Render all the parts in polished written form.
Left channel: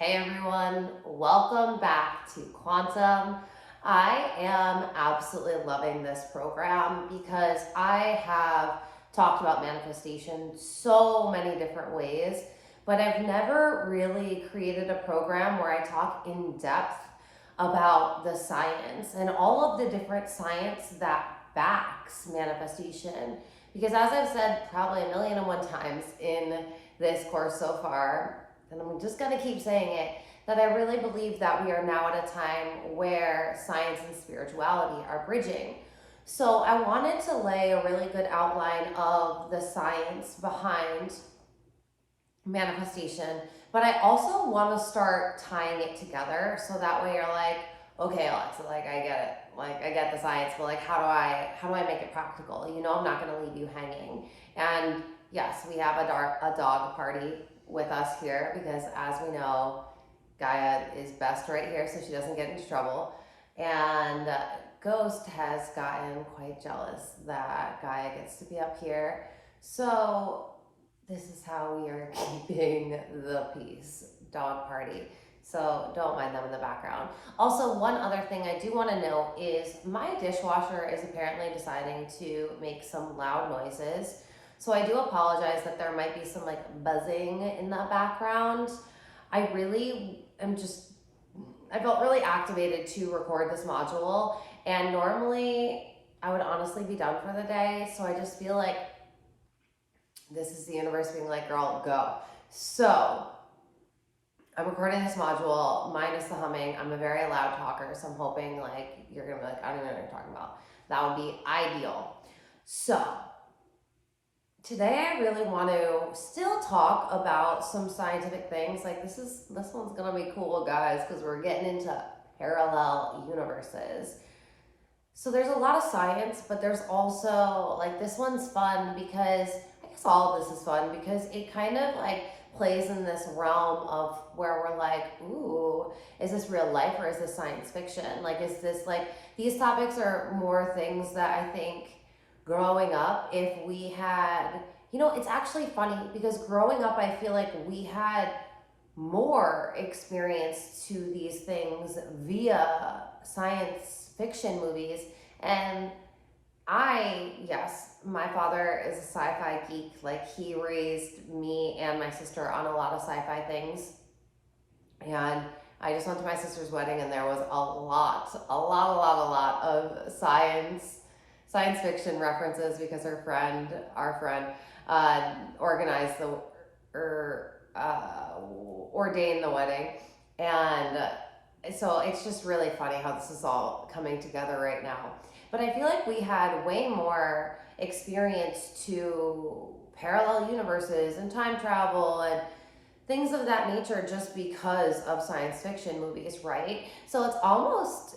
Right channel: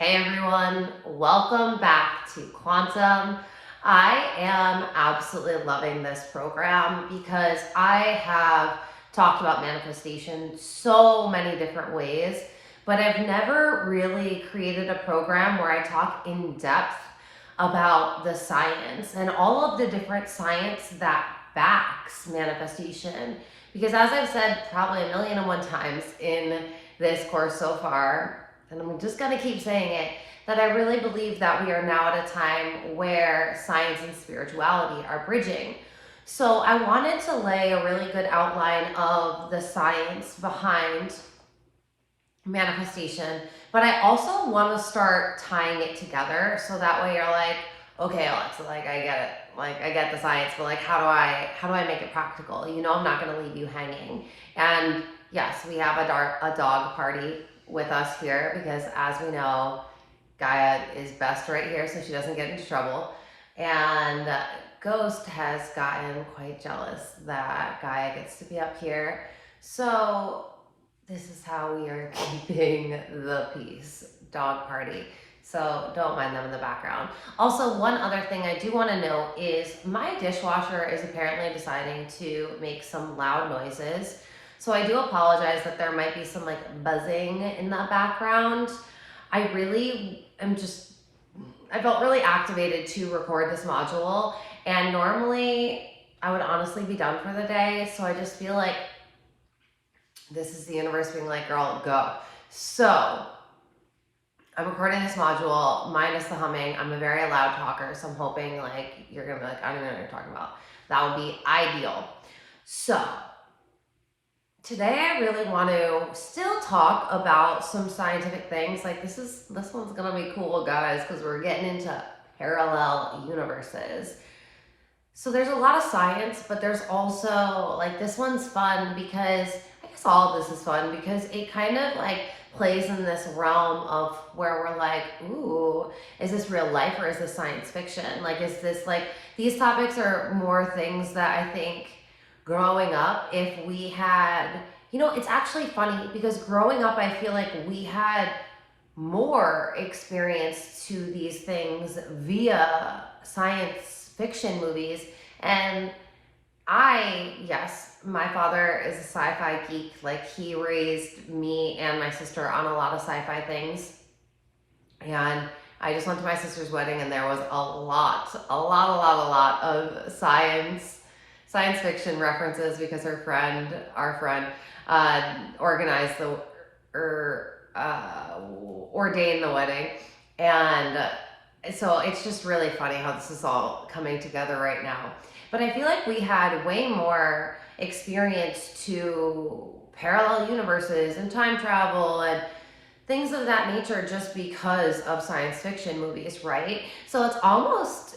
Hey everyone, welcome back to Quantum. I am absolutely loving this program because I have talked about manifestation so many different ways, but I've never really created a program where I talk in depth about the science and all of the different science that backs manifestation. Because as I've said probably a million and one times in this course so far, and I'm just going to keep saying it, that I really believe that we are now at a time where science and spirituality are bridging. So I wanted to lay a really good outline of the science behind manifestation, but I also want to start tying it together so that way you're like, okay, Alexa, like I get it, like I get the science, but like how do I make it practical? I'm not going to leave you hanging. And yes, we have a dog party with us here because, as we know, Gaia is best right here so she doesn't get into trouble. And Ghost has gotten quite jealous that Gaia gets to be up here. So this is how we are keeping the peace. Dog party. So don't mind them in the background. Also, one other thing I do want to note is my dishwasher is apparently deciding to make some loud noises. So I do apologize that there might be some like buzzing in the background. I really am just, I felt really activated to record this module. And normally I would honestly be done for the day. So I just feel like this is the universe being like, girl, go. So I'm recording this module minus the humming. I'm a very loud talker, so I'm hoping like you're gonna be like, I don't even know what you're talking about. That would be ideal. So today I really want to still talk about some scientific things. Like this one's gonna be cool, guys, because we're getting into parallel universes. So there's a lot of science, but there's also like this one's fun because I guess all of this is fun because it kind of like plays in this realm of where we're like, ooh, is this real life or is this science fiction? Like, is this like these topics are more things that I think growing up, if we had, it's actually funny because growing up, I feel like we had more experience to these things via science fiction movies. And yes, my father is a sci-fi geek. Like he raised me and my sister on a lot of sci-fi things. And I just went to my sister's wedding and there was a lot of science fiction references because our friend, organized ordained the wedding. And so it's just really funny how this is all coming together right now. But I feel like we had way more experience to parallel universes and time travel and things of that nature just because of science fiction movies, right? So it's almost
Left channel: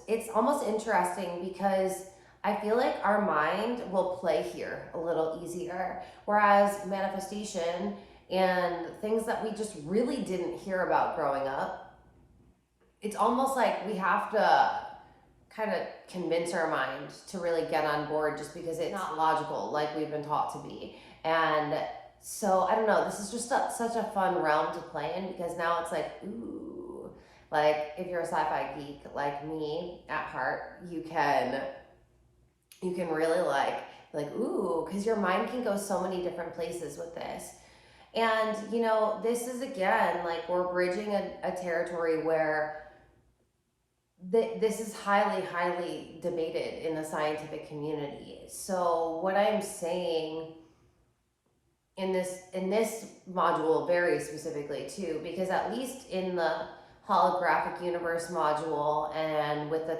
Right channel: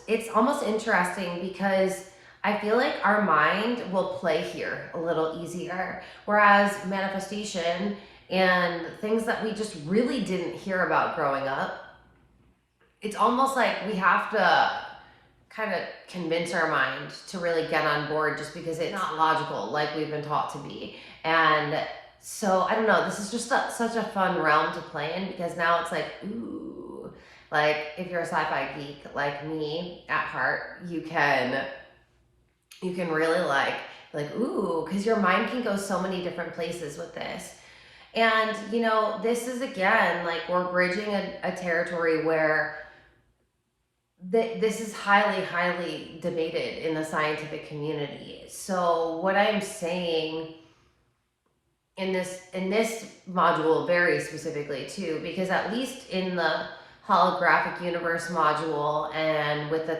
interesting because I feel like our mind will play here a little easier, whereas manifestation and things that we just really didn't hear about growing up, it's almost like we have to kind of convince our mind to really get on board just because it's not logical like we've been taught to be. And so I don't know, this is just such a fun realm to play in because now it's like, ooh, like if you're a sci-fi geek like me at heart, you can really like ooh, because your mind can go so many different places with this. And this is again like we're bridging a territory where this is highly, highly debated in the scientific community. So what I'm saying in this module very specifically too, because at least in the holographic universe module and with the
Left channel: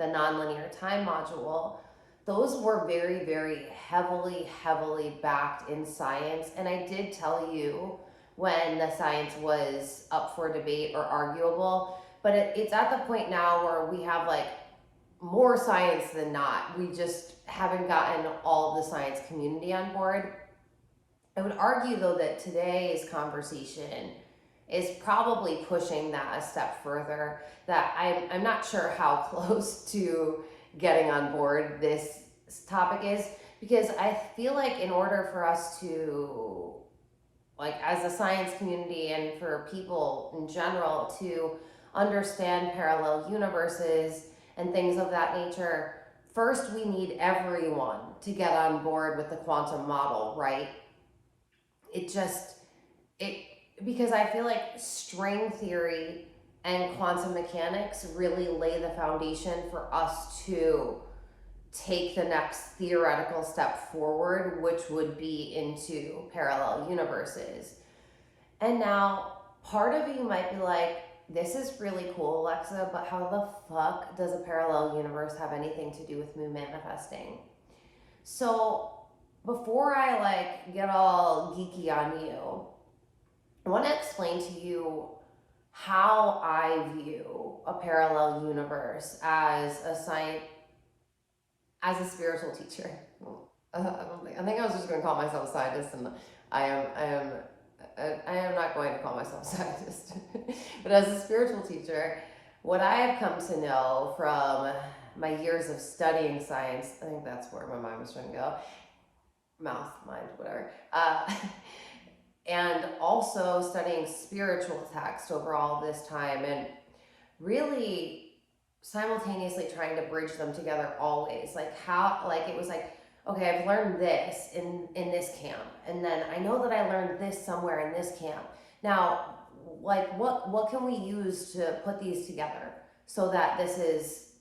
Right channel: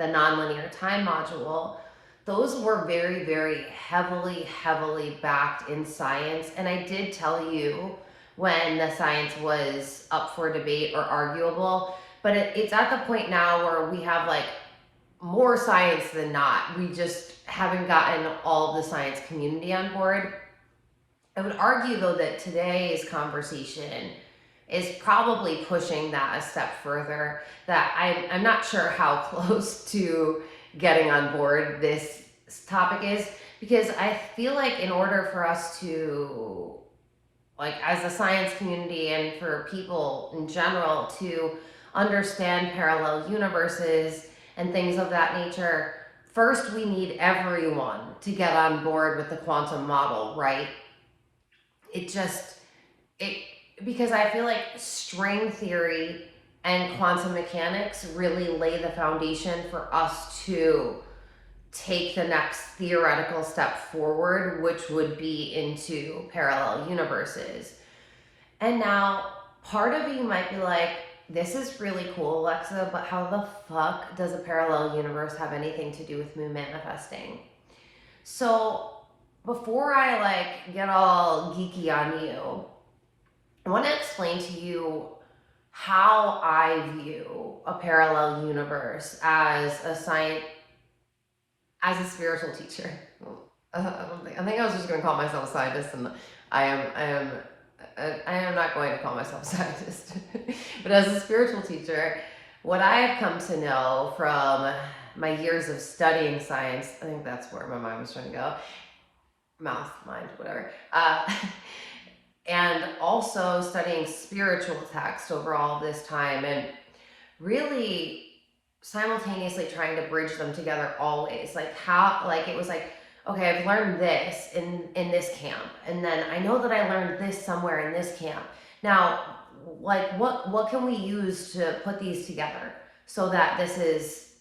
nonlinear time module, those were very, very heavily, heavily backed in science. And I did tell you when the science was up for debate or arguable, but it's at the point now where we have like more science than not. We just haven't gotten all the science community on board. I would argue though that today's conversation is probably pushing that a step further. That I'm not sure how close to getting on board this topic is, because I feel like in order for us to like as a science community and for people in general to understand parallel universes and things of that nature, first we need everyone to get on board with the quantum model, right? It just, it, because I feel like string theory and quantum mechanics really lay the foundation for us to take the next theoretical step forward, which would be into parallel universes. And now, part of you might be like, this is really cool, Alexa, but how the fuck does a parallel universe have anything to do with moon manifesting? So, before I like get all geeky on you, I want to explain to you how I view a parallel universe as a science, as a spiritual teacher. I think I was just going to call myself a scientist, and I am not going to call myself a scientist. But as a spiritual teacher, what I have come to know from my years of studying science, I think that's where my mind was trying to go, mouth, mind, whatever, and also studying spiritual text over all of this time, and really simultaneously trying to bridge them together always. Like how, like it was like, okay, I've learned this in this camp, and then I know that I learned this somewhere in this camp. Now, like what can we use to put these together so that this is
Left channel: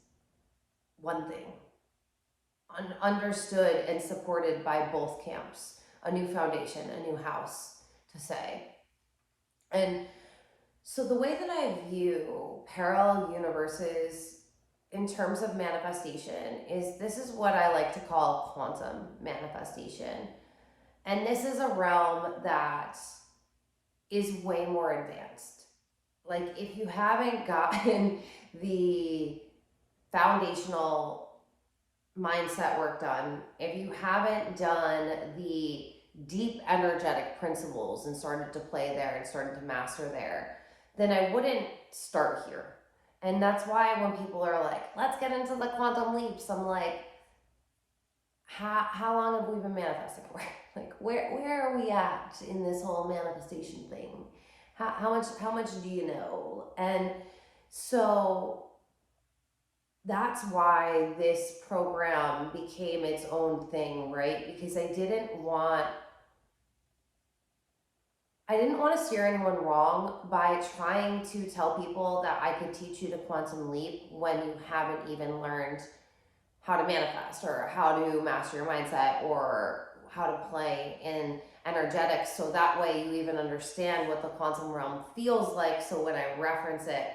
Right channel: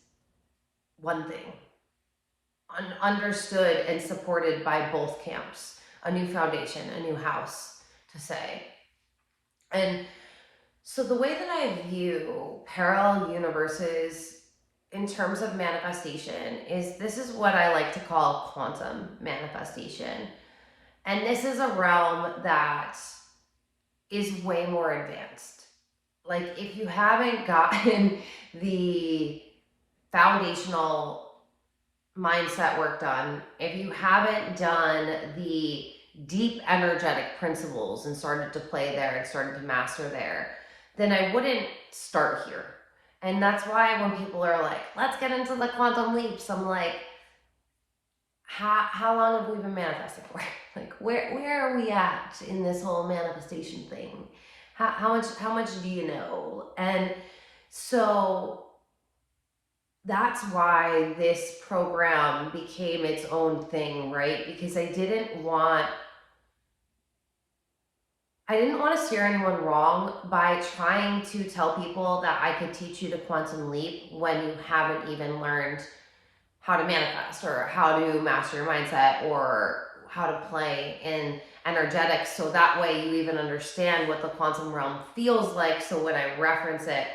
one thing, understood and supported by both camps, a new foundation, a new house to say. And so the way that I view parallel universes in terms of manifestation is, this is what I like to call quantum manifestation. And this is a realm that is way more advanced. Like if you haven't gotten the foundational mindset work done, if you haven't done the deep energetic principles and started to play there and started to master there, then I wouldn't start here. And that's why when people are like, let's get into the quantum leaps, I'm like, how long have we been manifesting for? Like, where are we at in this whole manifestation thing? How much do you know? And so that's why this program became its own thing, right? Because I didn't want to steer anyone wrong by trying to tell people that I could teach you the quantum leap when you haven't even learned how to manifest or how to master your mindset or how to play in energetics, so that way you even understand what the quantum realm feels like, so when I reference it,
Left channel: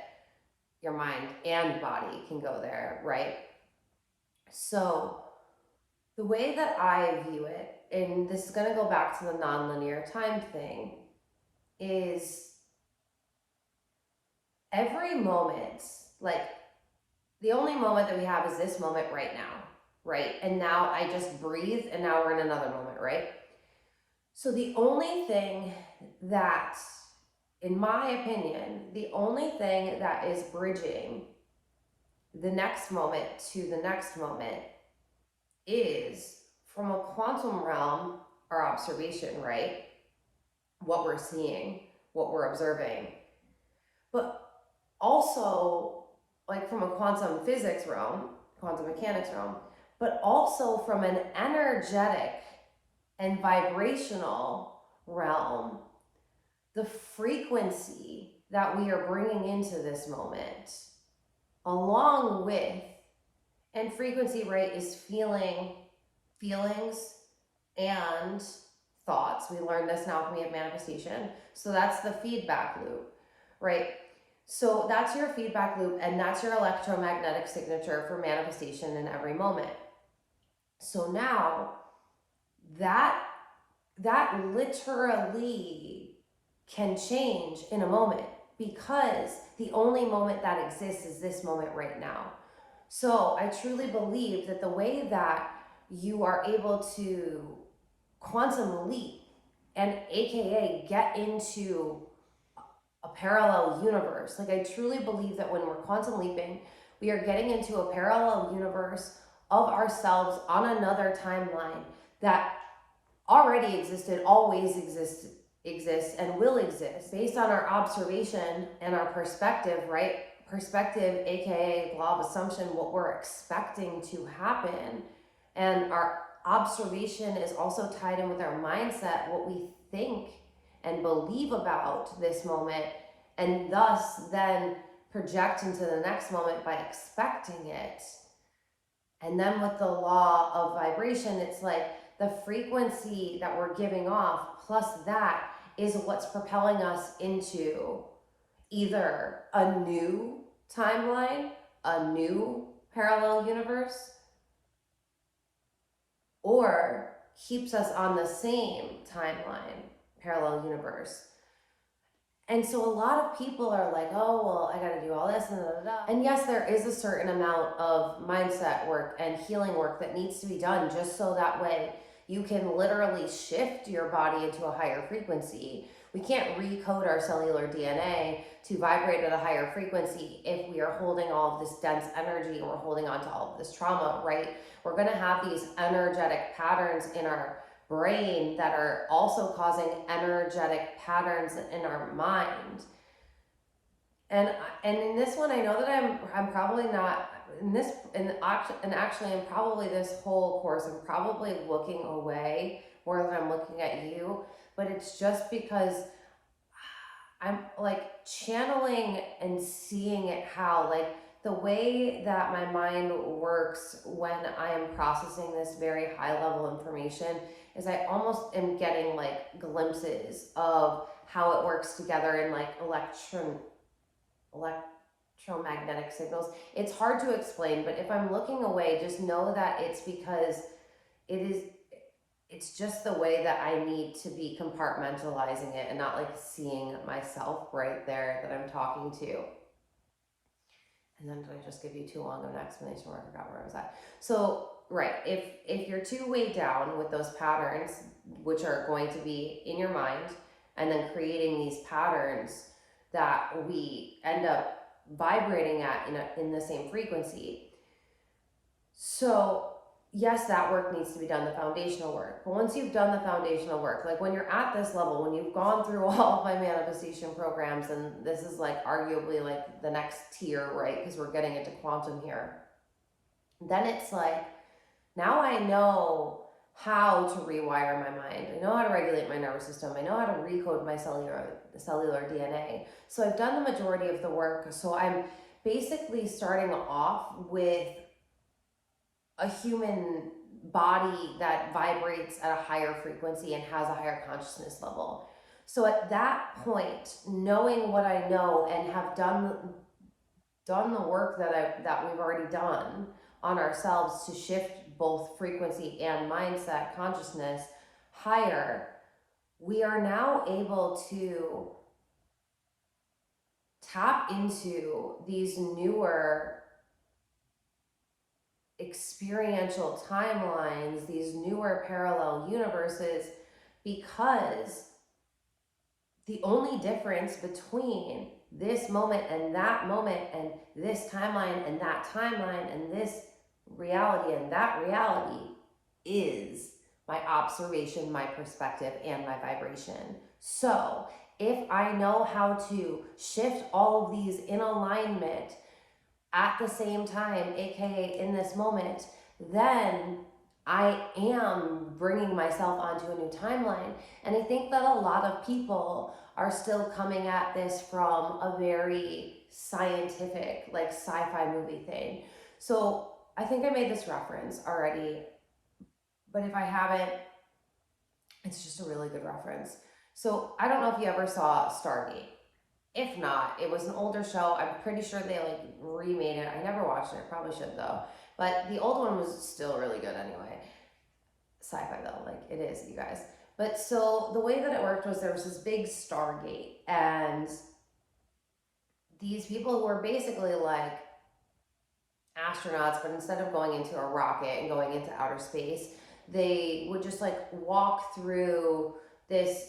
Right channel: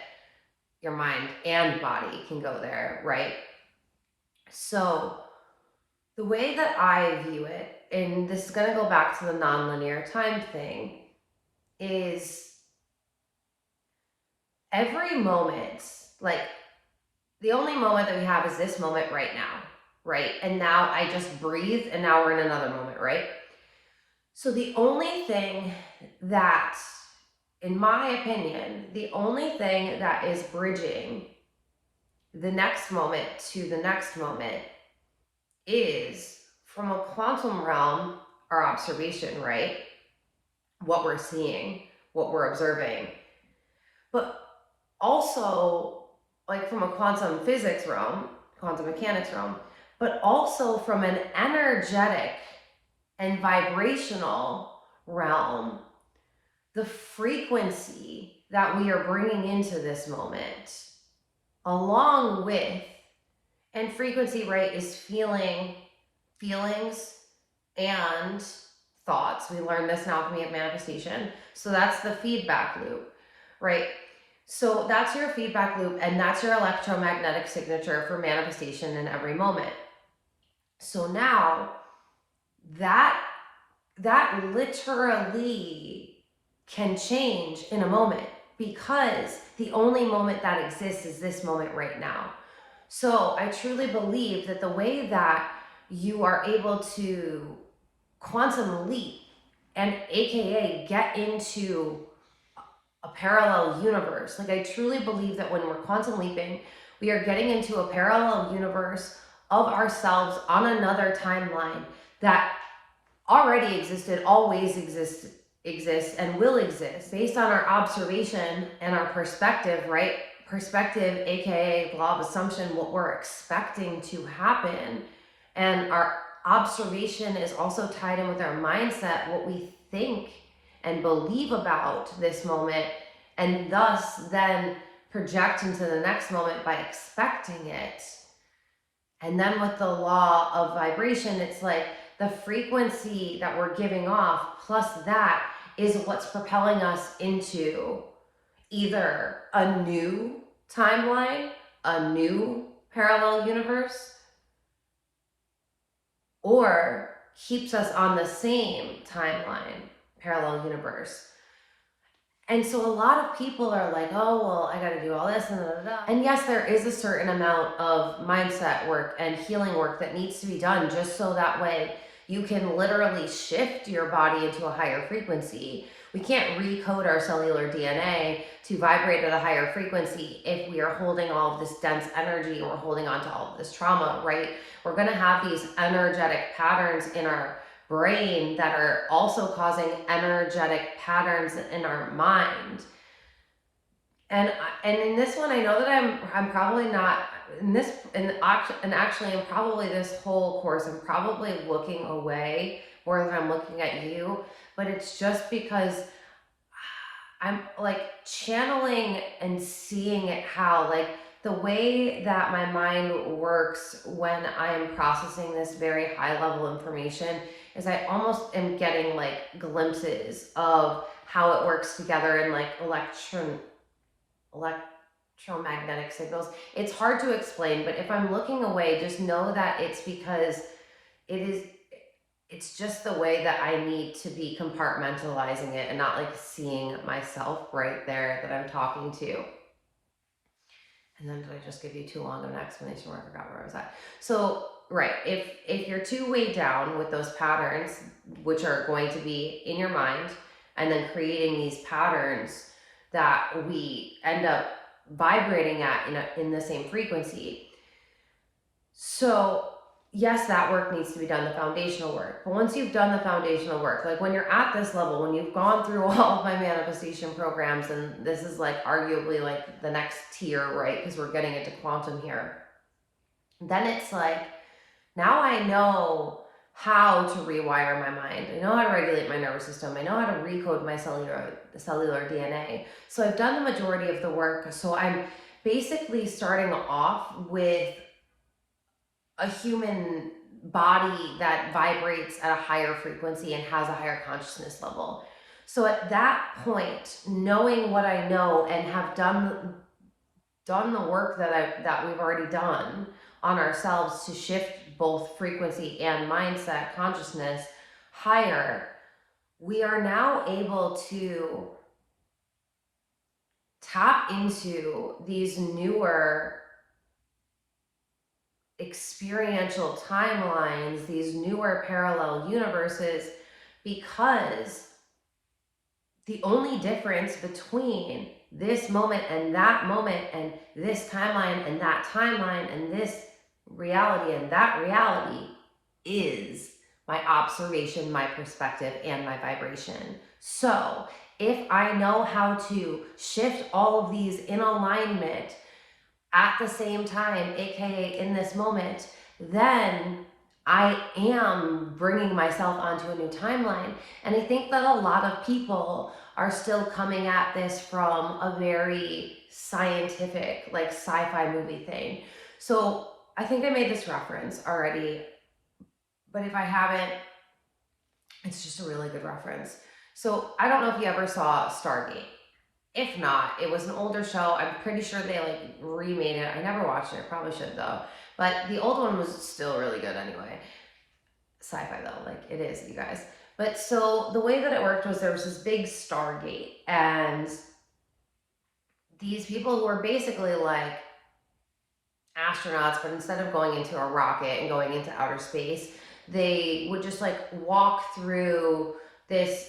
your mind and body can go there, right? So the way that I view it, and this is going to go back to the nonlinear time thing, is every moment, like the only moment that we have is this moment right now, right? And now I just breathe, and now we're in another moment, right? So the only thing that, in my opinion, the only thing that is bridging the next moment to the next moment is, from a quantum realm, our observation, right? What we're seeing, what we're observing. But also, like from a quantum physics realm, quantum mechanics realm, but also from an energetic and vibrational realm, the frequency that we are bringing into this moment, along with, and frequency, right, is feelings and thoughts. We learn this in Alchemy of Manifestation. So that's the feedback loop, right? So that's your feedback loop, and that's your electromagnetic signature for manifestation in every moment. So now that literally can change in a moment, because the only moment that exists is this moment right now. So I truly believe that the way that you are able to quantum leap and AKA get into a parallel universe, like I truly believe that when we're quantum leaping, we are getting into a parallel universe of ourselves on another timeline that already existed, always exists and will exist based on our observation and our perspective, right? Perspective, aka law of assumption, what we're expecting to happen. And our observation is also tied in with our mindset, what we think and believe about this moment, and thus then project into the next moment by expecting it. And then with the law of vibration, it's like the frequency that we're giving off plus that is what's propelling us into either a new timeline, a new parallel universe, or keeps us on the same timeline, parallel universe. And so a lot of people are like, oh, well, I got to do all this and da, da, da. And yes, there is a certain amount of mindset work and healing work that needs to be done just so that way you can literally shift your body into a higher frequency. We can't recode our cellular DNA to vibrate at a higher frequency if we are holding all of this dense energy or holding on to all of this trauma, right? We're going to have these energetic patterns in our brain that are also causing energetic patterns in our mind. And in this one, I know that I'm probably not in this, and actually in probably this whole course, I'm probably looking away more than I'm looking at you, but it's just because I'm like channeling and seeing it how, like, the way that my mind works when I am processing this very high level information is I almost am getting like glimpses of how it works together in like electromagnetic signals. It's hard to explain, but if I'm looking away, just know that it's because it's just the way that I need to be compartmentalizing it and not like seeing myself right there that I'm talking to. And then did I just give you too long of an explanation where I forgot where I was at? So, right, if you're too weighed down with those patterns, which are going to be in your mind, and then creating these patterns that we end up vibrating at in the same frequency. So yes, that work needs to be done, the foundational work. But once you've done the foundational work, like when you're at this level, when you've gone through all of my manifestation programs, and this is like arguably like the next tier, right? Because we're getting into quantum here. Then it's like, now I know how to rewire my mind. I know how to regulate my nervous system. I know how to recode my cellular DNA. So I've done the majority of the work. So I'm basically starting off with a human body that vibrates at a higher frequency and has a higher consciousness level. So at that point, knowing what I know and have done the work that we've already done on ourselves to shift both frequency and mindset consciousness higher, we are now able to tap into these newer experiential timelines, these newer parallel universes, because the only difference between this moment and this timeline and that timeline and this reality and that reality is my observation, my perspective, and my vibration. So if I know how to shift all of these in alignment at the same time, aka in this moment, then I am bringing myself onto a new timeline. And I think that a lot of people are still coming at this from a very scientific, like sci-fi movie thing. So I think I made this reference already, but if I haven't, it's just a really good reference. So I don't know if you ever saw Stargate. If not, it was an older show. I'm pretty sure they like remade it. I never watched it. Probably should though. But the old one was still really good anyway. Sci-fi though, like it is, you guys. But so the way that it worked was there was this big Stargate, and these people who were basically like astronauts, but instead of going into a rocket and going into outer space, they would just like walk through this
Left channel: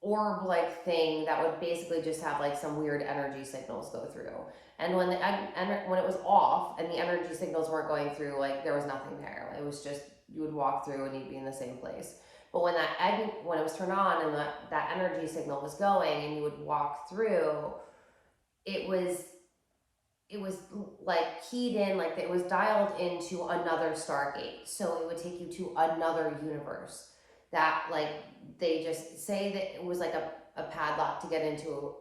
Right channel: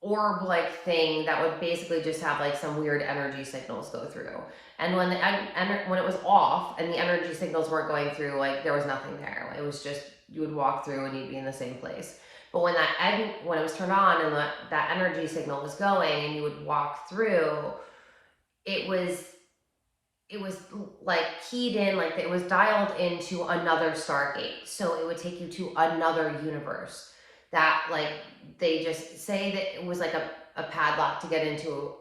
orb-like thing that would basically just have like some weird energy signals go through. And when when it was off and the energy signals weren't going through, like there was nothing there. It was just, you would walk through and you'd be in the same place. But when it was turned on and that energy signal was going and you would walk through, it was like keyed in, like it was dialed into another Stargate. So it would take you to another universe that, like, they just say that it was like a padlock to get into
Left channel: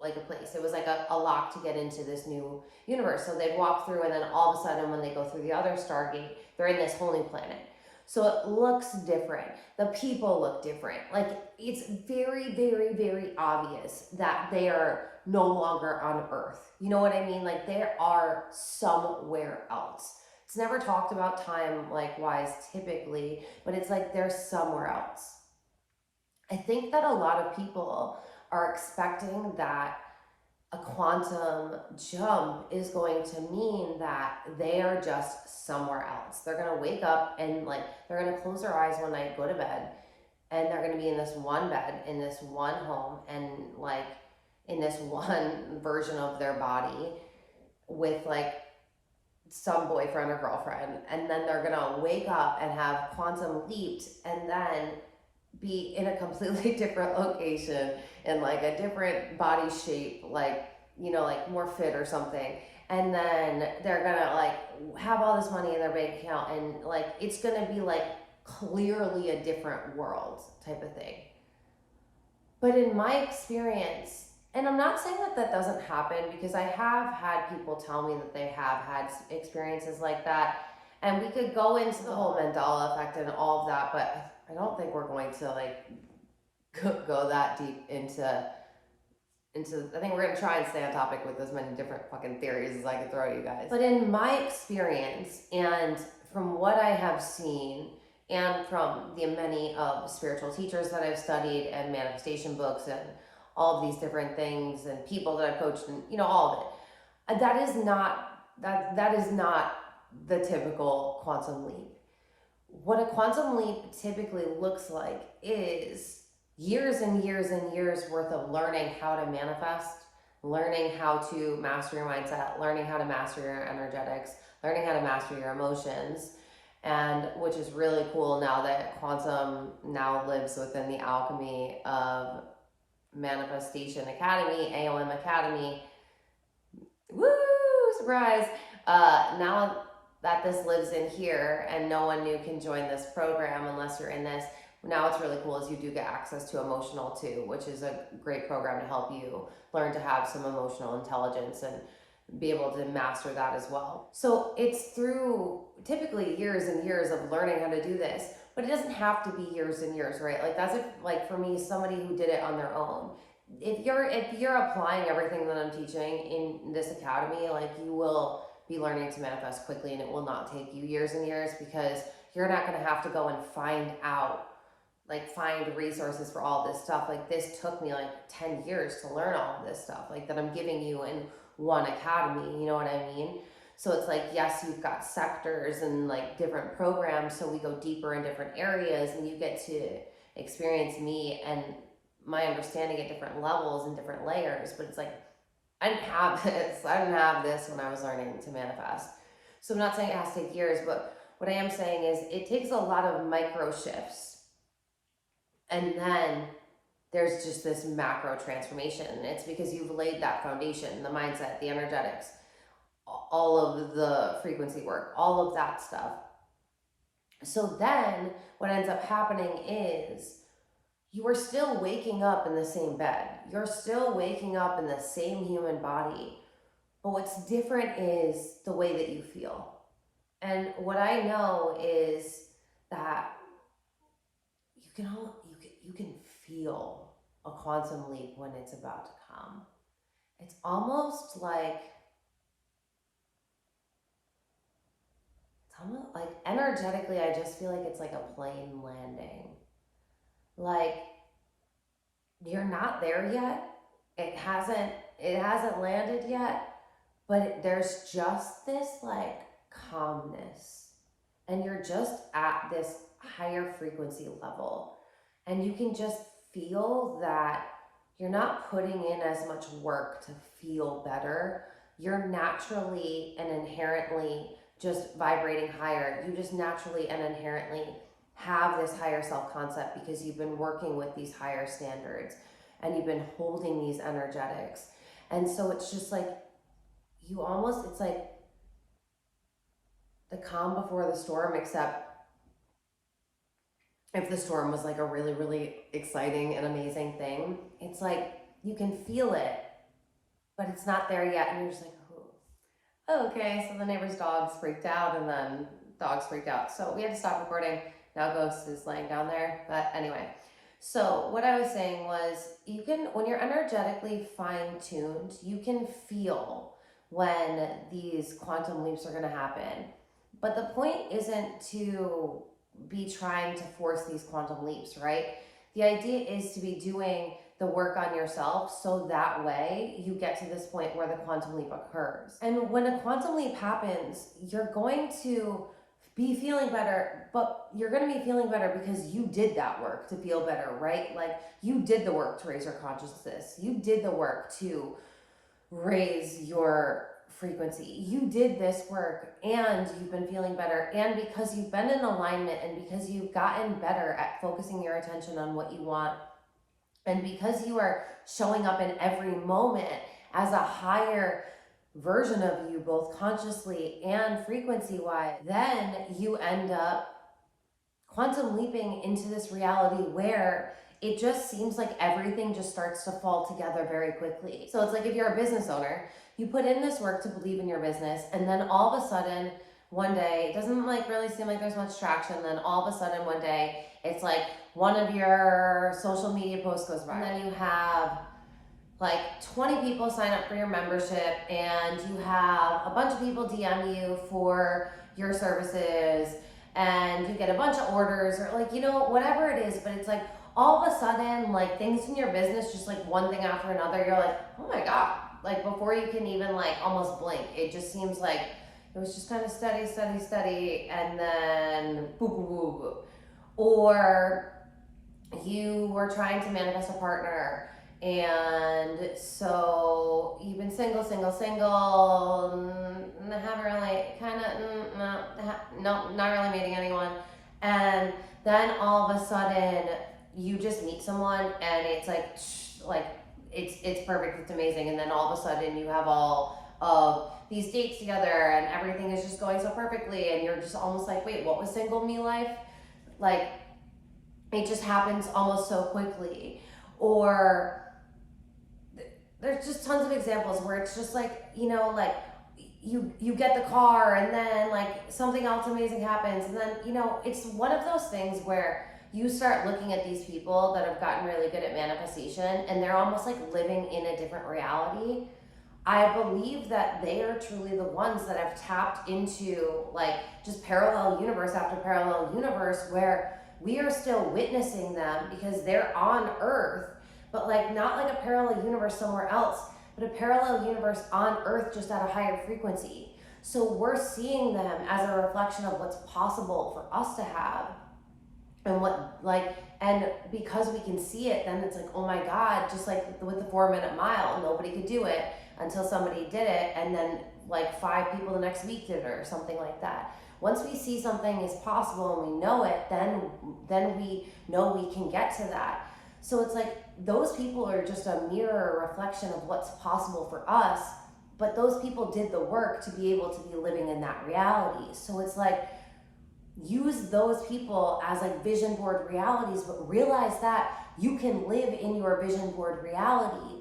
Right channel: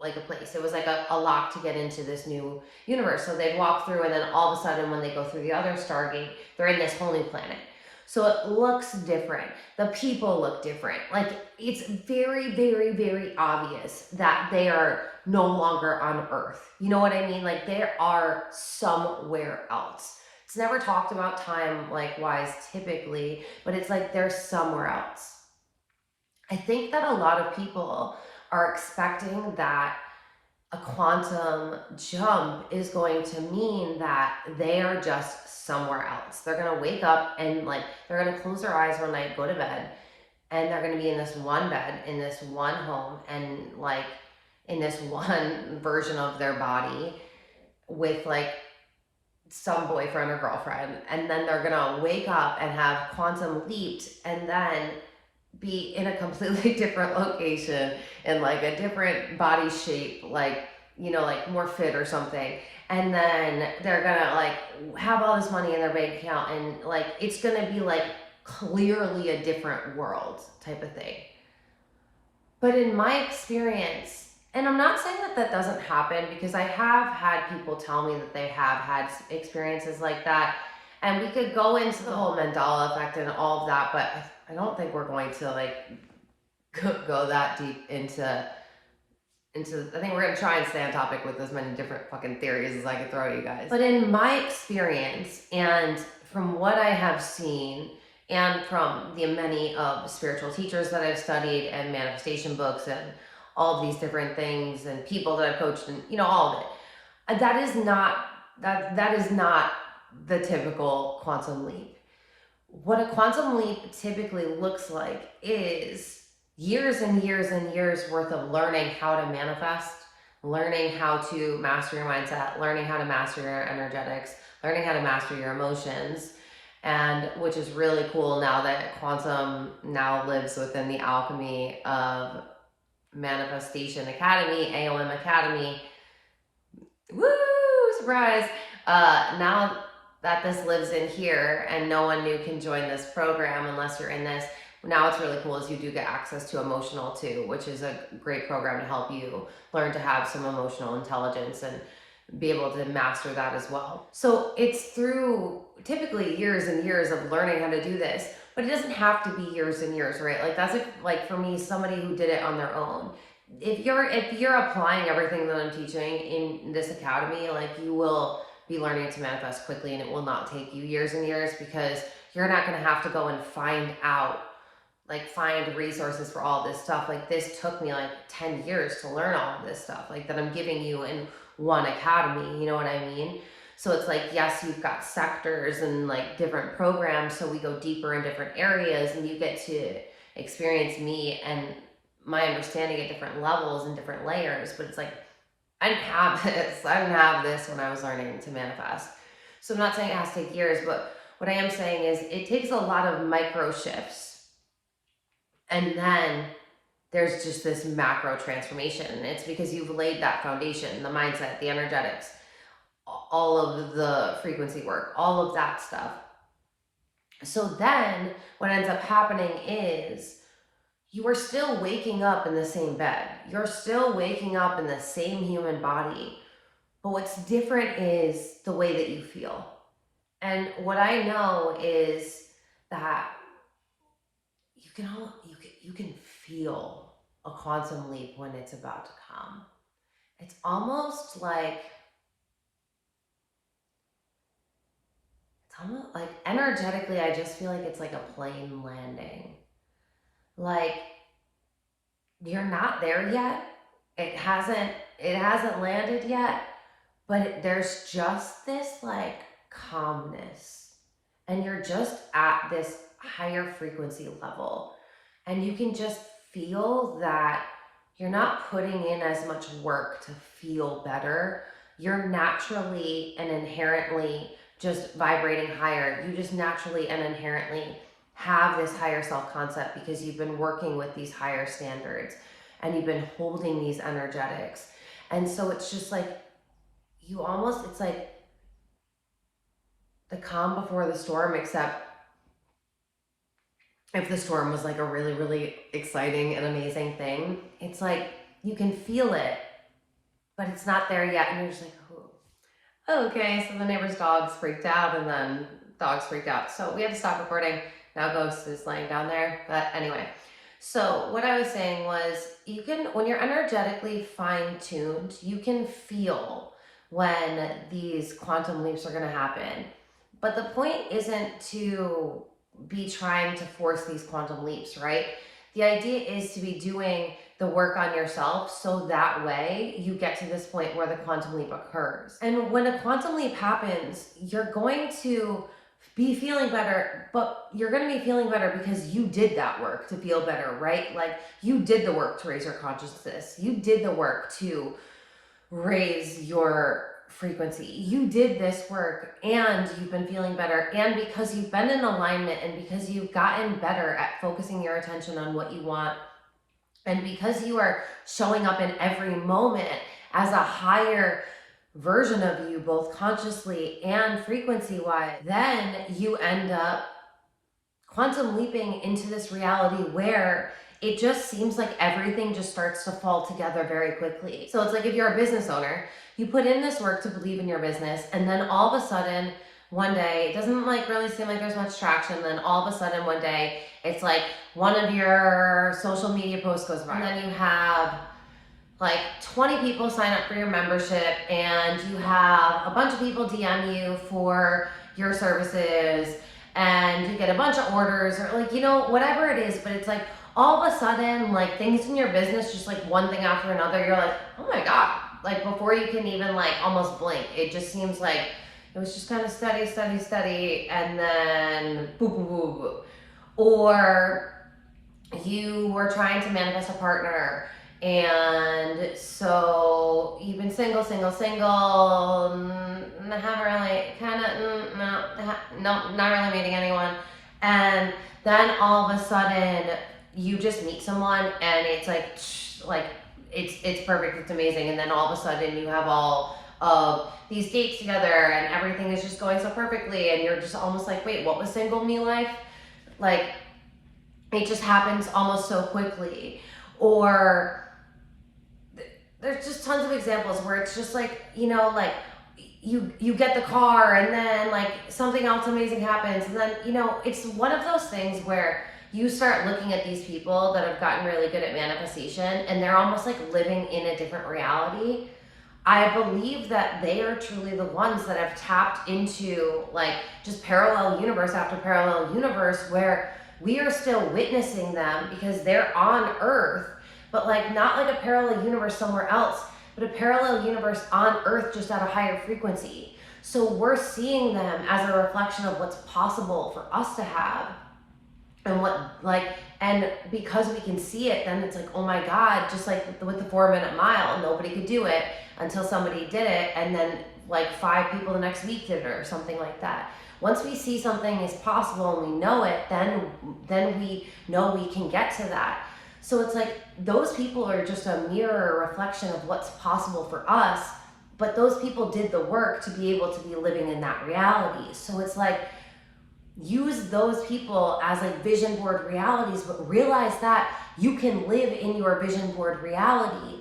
like a place. It was like a lock to get into this new universe. So they'd walk through, and then all of a sudden, when they go through the other Stargate, they're in this whole new planet. So it looks different. The people look different. Like, it's very, very, very obvious that they are no longer on Earth. You know what I mean? Like, they are somewhere else. It's never talked about time, like, wise typically, but it's like they're somewhere else. I think that a lot of people are expecting that a quantum jump is going to mean that they are just somewhere else. They're going to wake up and, like, they're going to close their eyes one night, go to bed, and they're going to be in this one bed, in this one home, and, like, in this one version of their body with, like, some boyfriend or girlfriend. And then they're going to wake up and have quantum leaped and then be in a completely different location, in like a different body shape, like, you know, like more fit or something. And then they're gonna, like, have all this money in their bank account, and, like, it's gonna be like clearly a different world type of thing. But in my experience, and I'm not saying that that doesn't happen, because I have had people tell me that they have had experiences like that, and we could go into the whole Mandela effect and all of that, but I don't think we're going to, like, go that deep into. I think we're gonna try and stay on topic with as many different fucking theories as I could throw at you guys. But in my experience, and from what I have seen, and from the many of spiritual teachers that I've studied, and manifestation books, and all of these different things, and people that I've coached, and, you know, all of it, that is not the typical quantum leap. What a quantum leap typically looks like is years and years and years worth of learning how to manifest, learning how to master your mindset, learning how to master your energetics, learning how to master your emotions. And which is really cool now that quantum now lives within the Alchemy of Manifestation Academy, AOM Academy. Woo! Surprise! Now that this lives in here and no one new can join this program unless you're in this. Now what's really cool is you do get access to Emotional too, which is a great program to help you learn to have some emotional intelligence and be able to master that as well. So it's through typically years and years of learning how to do this, but it doesn't have to be years and years, right? Like, that's if, like, for me, somebody who did it on their own. If you're applying everything that I'm teaching in this academy, like, you will be learning to manifest quickly, and it will not take you years and years, because you're not going to have to go and find resources for all this stuff. Like, this took me like 10 years to learn all of this stuff, like, that I'm giving you in one academy, you know what I mean? So it's like, yes, you've got sectors and, like, different programs, so we go deeper in different areas, and you get to experience me and my understanding at different levels and different layers. But it's like, I didn't have this. I didn't have this when I was learning to manifest. So I'm not saying it has to take years, but what I am saying is it takes a lot of micro shifts. And then there's just this macro transformation. It's because you've laid that foundation, the mindset, the energetics, all of the frequency work, all of that stuff. So then what ends up happening is you are still waking up in the same bed. You're still waking up in the same human body. But what's different is the way that you feel. And what I know is that you can feel a quantum leap when it's about to come. It's almost like energetically, I just feel like it's like a plane landing. Like, you're not there yet. It hasn't landed yet, but there's just this, like, calmness, and you're just at this higher frequency level, and you can just feel that you're not putting in as much work to feel better. You're naturally and inherently just vibrating higher. You just naturally and inherently have this higher self-concept because you've been working with these higher standards and you've been holding these energetics. And so it's just like it's like the calm before the storm, except if the storm was like a really, really exciting and amazing thing, it's like you can feel it, but it's not there yet. And you're just like, oh, okay. So the neighbor's dogs freaked out, and then dogs freaked out. So we had to stop recording. Now Ghost is laying down there. But anyway, so what I was saying was when you're energetically fine-tuned, you can feel when these quantum leaps are going to happen. But the point isn't to be trying to force these quantum leaps, right? The idea is to be doing the work on yourself so that way you get to this point where the quantum leap occurs. And when a quantum leap happens, you're going to be feeling better, but you're going to be feeling better because you did that work to feel better, right? Like you did the work to raise your consciousness. You did the work to raise your frequency. You did this work and you've been feeling better. And because you've been in alignment and because you've gotten better at focusing your attention on what you want, and because you are showing up in every moment as a higher version of you, both consciously and frequency-wise, then you end up quantum leaping into this reality where it just seems like everything just starts to fall together very quickly. So it's like if you're a business owner, you put in this work to believe in your business, and then all of a sudden, one day, it doesn't like really seem like there's much traction, then all of a sudden one day, it's like one of your social media posts goes viral, and then you have like 20 people sign up for your membership, and you have a bunch of people DM you for your services, and you get a bunch of orders, or like, whatever it is. But it's like all of a sudden, like things in your business, just like one thing after another, you're like, oh my God, like before you can even like almost blink, it just seems like it was just kind of steady, and then boop, boop, boop, boop. Or you were trying to manifest a partner, and so you've been single, haven't really, not really meeting anyone. And then all of a sudden you just meet someone and it's like it's perfect, it's amazing. And then all of a sudden you have all of these dates together and everything is just going so perfectly, and you're just almost like, wait, what was single me life? Like, it just happens almost so quickly. Or there's just tons of examples where it's just like, like you get the car, and then like something else amazing happens, and then it's one of those things where you start looking at these people that have gotten really good at manifestation, and they're almost like living in a different reality. I believe that they are truly the ones that have tapped into like just parallel universe after parallel universe, where we are still witnessing them because they're on Earth, but like not like a parallel universe somewhere else, but a parallel universe on Earth, just at a higher frequency. So we're seeing them as a reflection of what's possible for us to have, and because we can see it, then it's like, oh my God, just like with the 4-minute mile, nobody could do it until somebody did it, and then like 5 people the next week did it, or something like that. Once we see something is possible and we know it, then we know we can get to that. So it's like those people are just a mirror reflection of what's possible for us, but those people did the work to be able to be living in that reality. So it's like, use those people as like vision board realities, but realize that you can live in your vision board reality.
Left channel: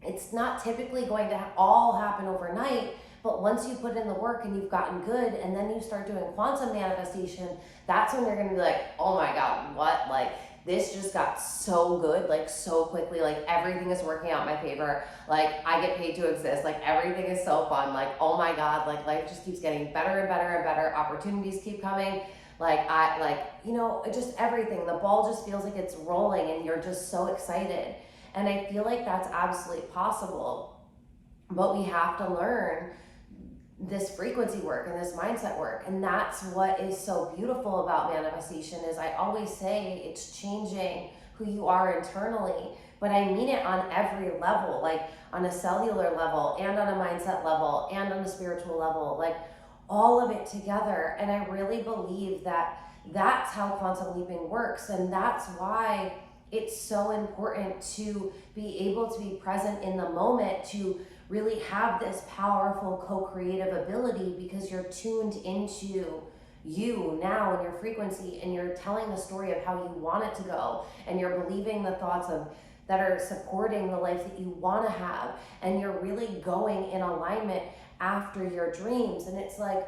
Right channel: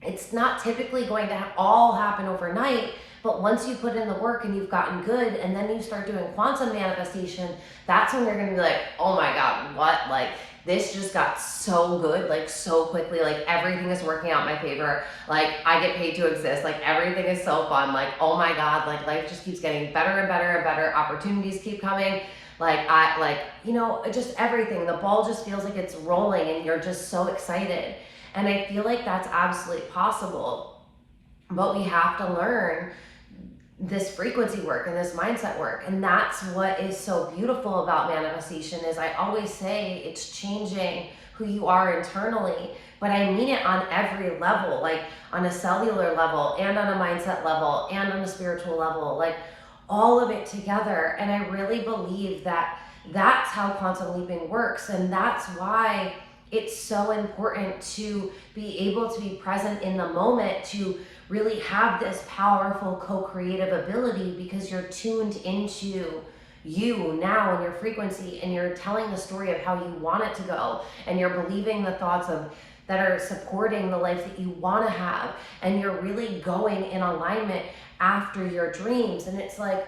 It's not typically going to all happen overnight, but once you put in the work and you've gotten good, and then you start doing quantum manifestation, that's when you're going to be like, oh my God, what? Like, this just got so good, like so quickly, like everything is working out in my favor. Like I get paid to exist. Like everything is so fun. Like, oh my God, like life just keeps getting better and better and better. Opportunities keep coming. Just everything. The ball just feels like it's rolling and you're just so excited. And I feel like that's absolutely possible, but we have to learn this frequency work and this mindset work. And that's what is so beautiful about manifestation. Is I always say it's changing who you are internally, but I mean it on every level, like on a cellular level and on a mindset level and on a spiritual level, like all of it together. And I really believe that That's how quantum leaping works. And that's why it's so important to be able to be present in the moment, to really have this powerful co-creative ability, because you're tuned into you now and your frequency, and you're telling the story of how you want it to go, and you're believing the thoughts of that are supporting the life that you want to have, and you're really going in alignment after your dreams. And it's like,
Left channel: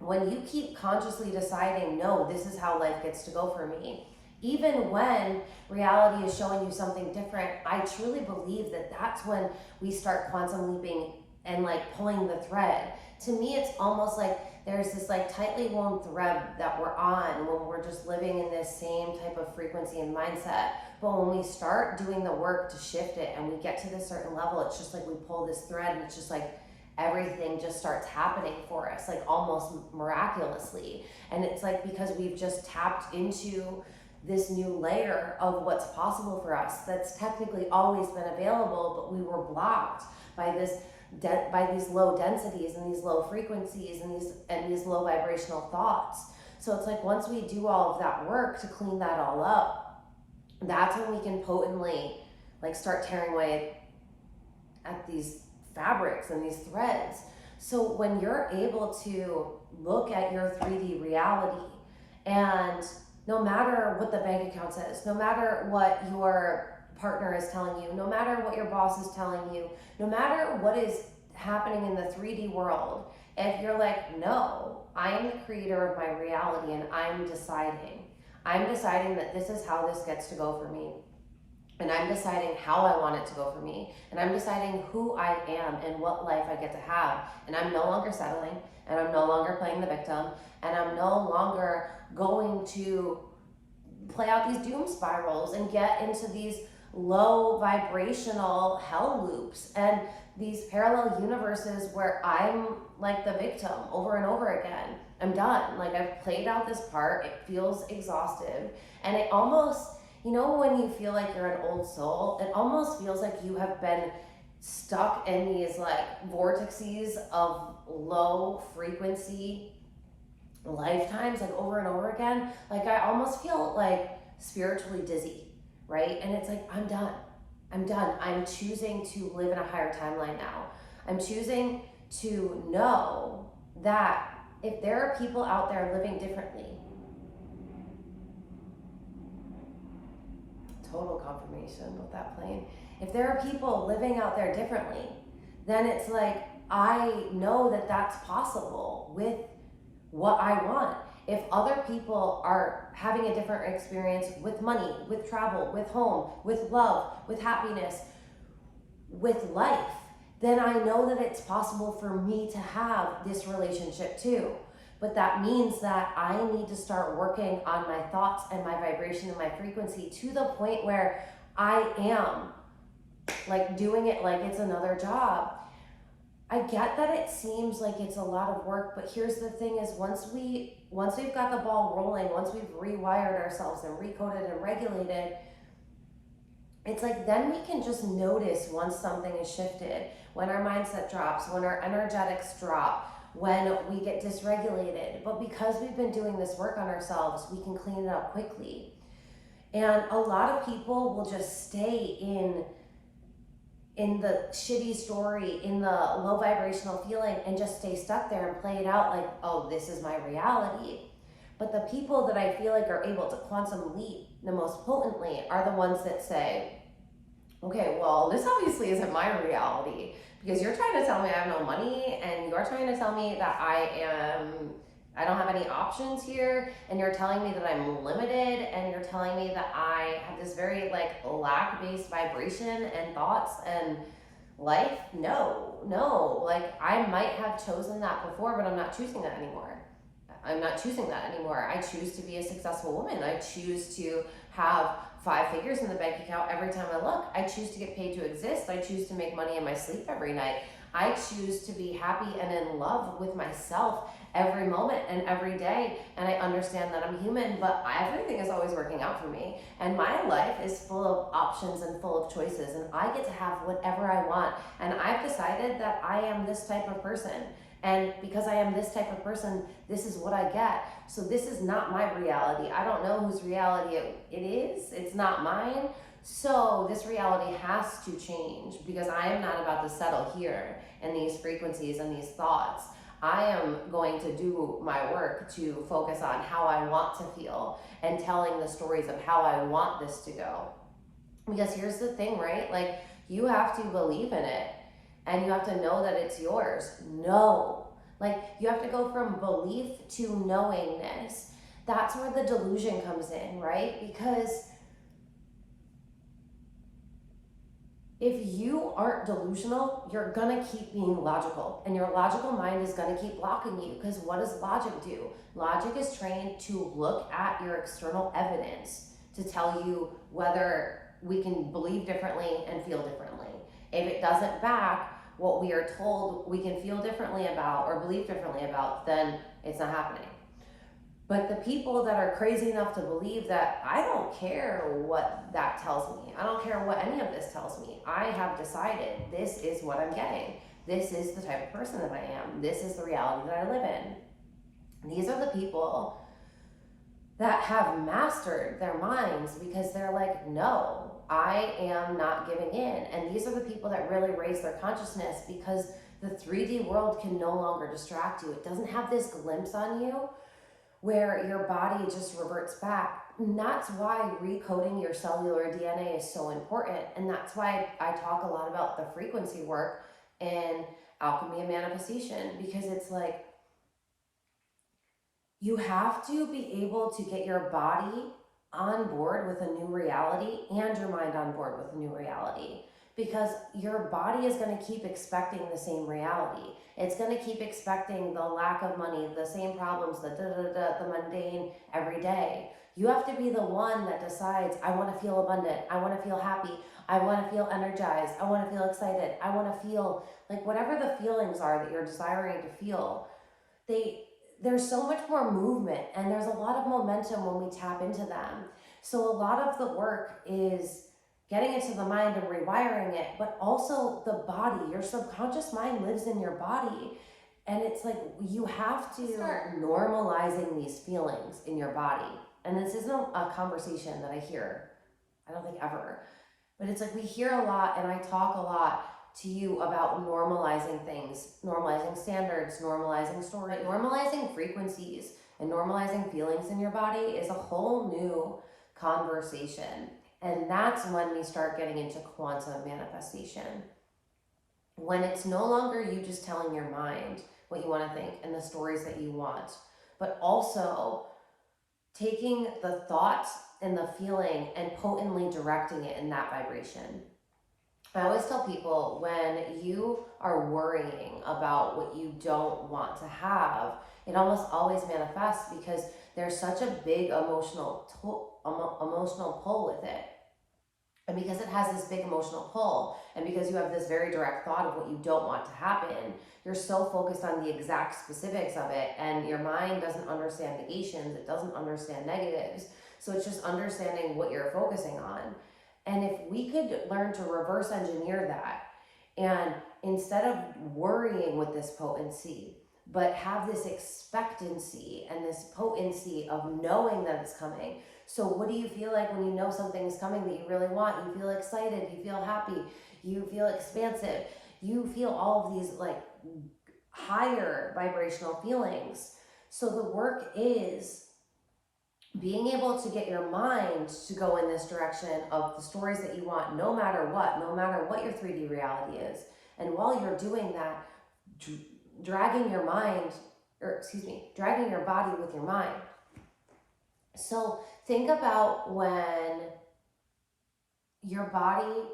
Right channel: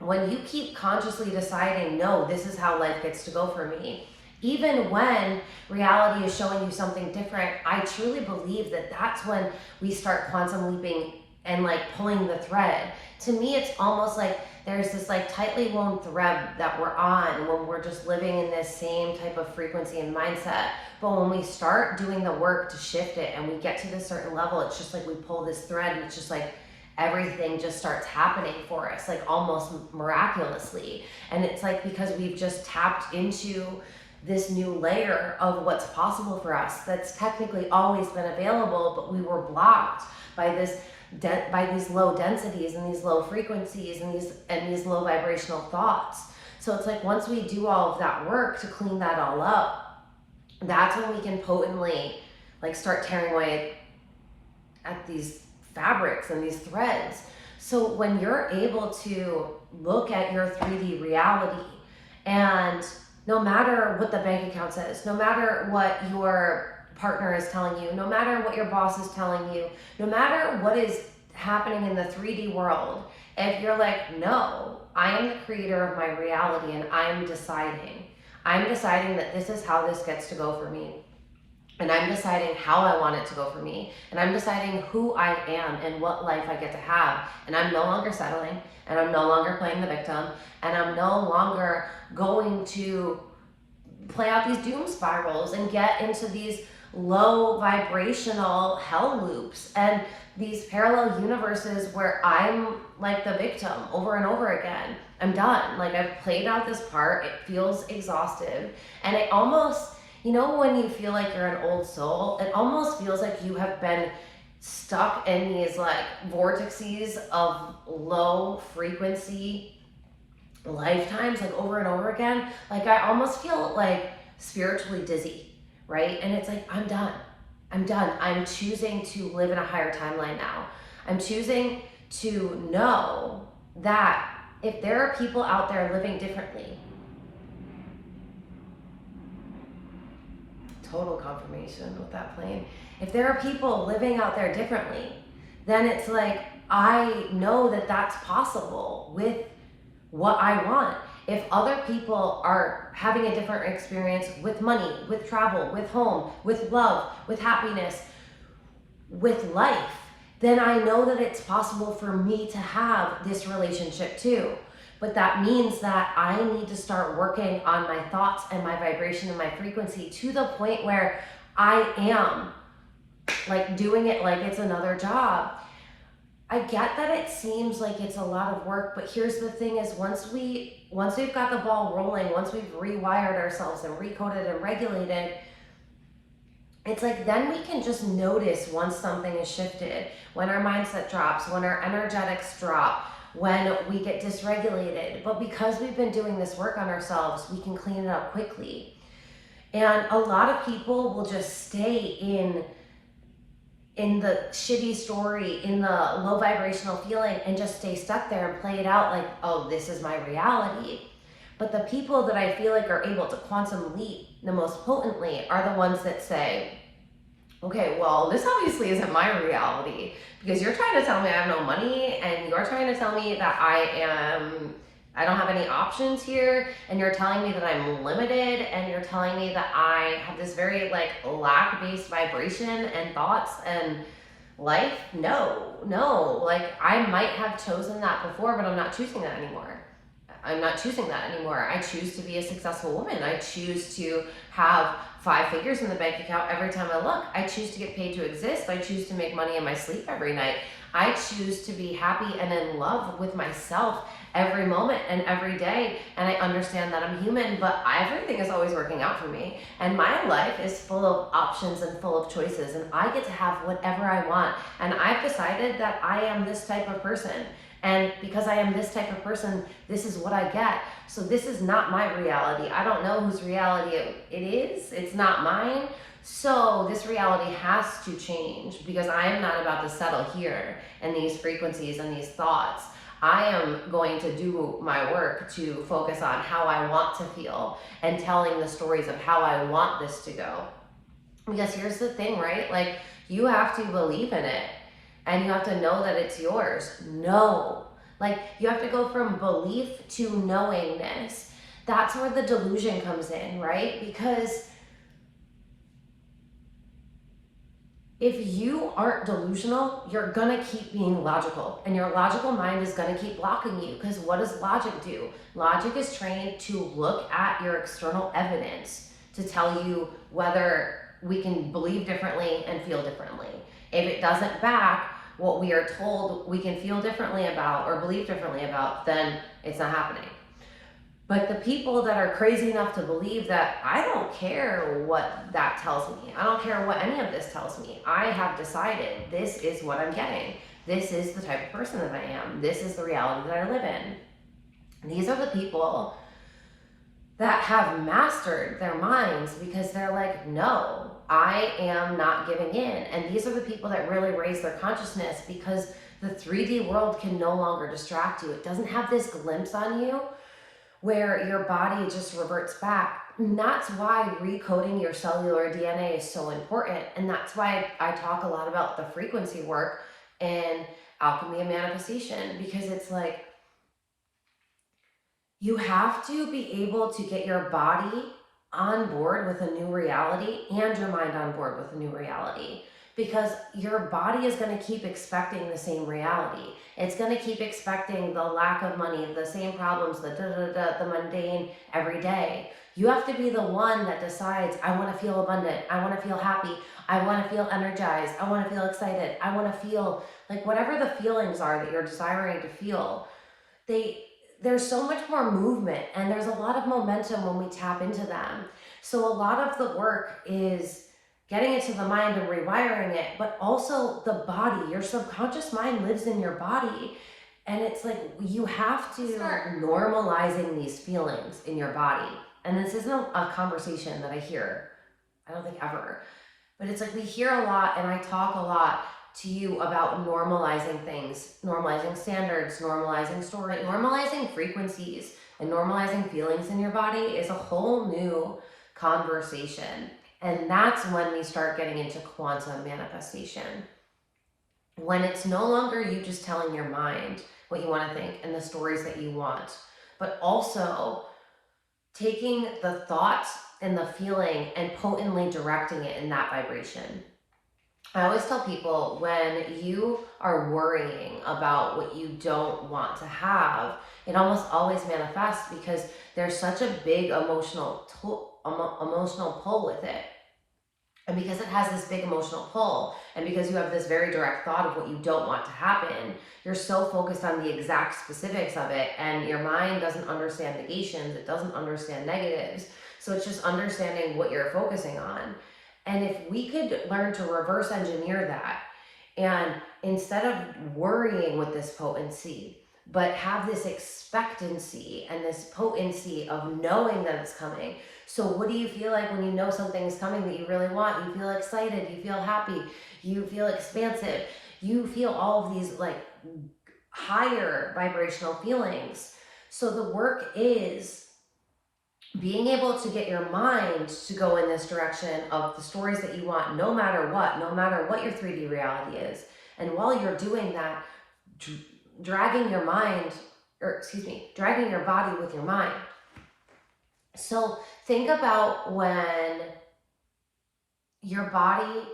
when you keep consciously deciding, no, this is how life gets to go for me, even when reality is showing you something different, I truly believe that that's when we start quantum leaping and like pulling the thread. To me, it's almost like there's this like tightly woven thread that we're on when we're just living in this same type of frequency and mindset. But when we start doing the work to shift it and we get to this certain level, it's just like we pull this thread, and it's just like everything just starts happening for us, like almost miraculously. And it's like because we've just tapped into this new layer of what's possible for us that's technically always been available, but we were blocked by these low densities and these low frequencies and these low vibrational thoughts. So it's like once we do all of that work to clean that all up, that's when we can potently like start tearing away at these fabrics and these threads. So when you're able to look at your 3D reality, and no matter what the bank account says, no matter what your partner is telling you, no matter what your boss is telling you, no matter what is happening in the 3D world, if you're like, no, I am the creator of my reality, and I'm deciding that this is how this gets to go for me. And I'm deciding how I want it to go for me. And I'm deciding who I am and what life I get to have. And I'm no longer settling. And I'm no longer playing the victim. And I'm no longer going to play out these doom spirals and get into these low vibrational hell loops and these parallel universes where I'm like the victim over and over again. I'm done. Like, I've played out this part. It feels exhaustive. And it almost, you know, when you feel like you're an old soul, it almost feels like you have been stuck in these like vortices of low frequency lifetimes, like over and over again. Like, I almost feel like spiritually dizzy, right? And it's like, I'm done. I'm choosing to live in a higher timeline now. I'm choosing to know that if there are people out there living differently, total confirmation with that plane. If there are people living out there differently, then it's like, I know that that's possible with what I want. If other people are having a different experience with money, with travel, with home, with love, with happiness, with life, then I know that it's possible for me to have this relationship too. But that means that I need to start working on my thoughts and my vibration and my frequency to the point where I am like doing it like it's another job. I get that it seems like it's a lot of work, but here's the thing is once we've got the ball rolling, once we've rewired ourselves and recoded and regulated, it's like then we can just notice once something is shifted, when our mindset drops, when our energetics drop, when we get dysregulated. But because we've been doing this work on ourselves, we can clean it up quickly. And a lot of people will just stay in the shitty story, in the low vibrational feeling, and just stay stuck there and play it out like, oh, this is my reality. But the people that I feel like are able to quantum leap the most potently are the ones that say, okay, well, this obviously isn't my reality, because you're trying to tell me I have no money, and you're trying to tell me that I don't have any options here, and you're telling me that I'm limited, and you're telling me that I have this very like lack-based vibration and thoughts and life. No, like I might have chosen that before, but I'm not choosing that anymore. I choose to be a successful woman. I choose to have 5 figures in the bank account every time I look. I choose to get paid to exist. I choose to make money in my sleep every night. I choose to be happy and in love with myself every moment and every day. And I understand that I'm human, but everything is always working out for me. And my life is full of options and full of choices, and I get to have whatever I want. And I've decided that I am this type of person. And because I am this type of person, this is what I get. So this is not my reality. I don't know whose reality it is. It's not mine. So this reality has to change because I am not about to settle here in these frequencies and these thoughts. I am going to do my work to focus on how I want to feel and telling the stories of how I want this to go. Because here's the thing, right? Like, you have to believe in it and you have to know that it's yours. No. Like, you have to go from belief to knowingness. That's where the delusion comes in, right? Because if you aren't delusional, you're gonna keep being logical, and your logical mind is gonna keep blocking you. Because what does logic do? Logic is trained to look at your external evidence to tell you whether we can believe differently and feel differently. If it doesn't back what we are told we can feel differently about or believe differently about, then it's not happening. But the people that are crazy enough to believe that I don't care what that tells me, I don't care what any of this tells me, I have decided this is what I'm getting. This is the type of person that I am. This is the reality that I live in. And these are the people that have mastered their minds because they're like, no, I am not giving in. And these are the people that really raise their consciousness because the 3D world can no longer distract you. It doesn't have this glimpse on you where your body just reverts back. And that's why recoding your cellular DNA is so important. And that's why I talk a lot about the frequency work and alchemy and manifestation, because it's like, you have to be able to get your body on board with a new reality and your mind on board with a new reality, because your body is going to keep expecting the same reality. It's going to keep expecting the lack of money, the same problems, the mundane every day. You have to be the one that decides, I want to feel abundant, I want to feel happy, I want to feel energized, I want to feel excited, I want to feel like whatever the feelings are that you're desiring to feel. There's so much more movement and there's a lot of momentum when we tap into them. So a lot of the work is getting into the mind and rewiring it, but also the body. Your subconscious mind lives in your body. And it's like, you have to start normalizing these feelings in your body. And this isn't a conversation that I hear, I don't think ever, but it's like we hear a lot and I talk a lot to you about normalizing things, normalizing standards, normalizing story, normalizing frequencies, and normalizing feelings in your body is a whole new conversation. And that's when we start getting into quantum manifestation. When it's no longer you just telling your mind what you want to think and the stories that you want, but also taking the thought and the feeling and potently directing it in that vibration. I always tell people, when you are worrying about what you don't want to have, it almost always manifests because there's such a big emotional pull with it. And because it has this big emotional pull, and because you have this very direct thought of what you don't want to happen, you're so focused on the exact specifics of it, and your mind doesn't understand negations, it doesn't understand negatives. So it's just understanding what you're focusing on. And if we could learn to reverse engineer that, and instead of worrying with this potency, but have this expectancy and this potency of knowing that it's coming. So what do you feel like when you know something is coming that you really want? You feel excited, you feel happy, you feel expansive, you feel all of these like higher vibrational feelings. So the work is being able to get your mind to go in this direction of the stories that you want, no matter what your 3D reality is. And while you're doing that, dragging your body with your mind. So think about when your body,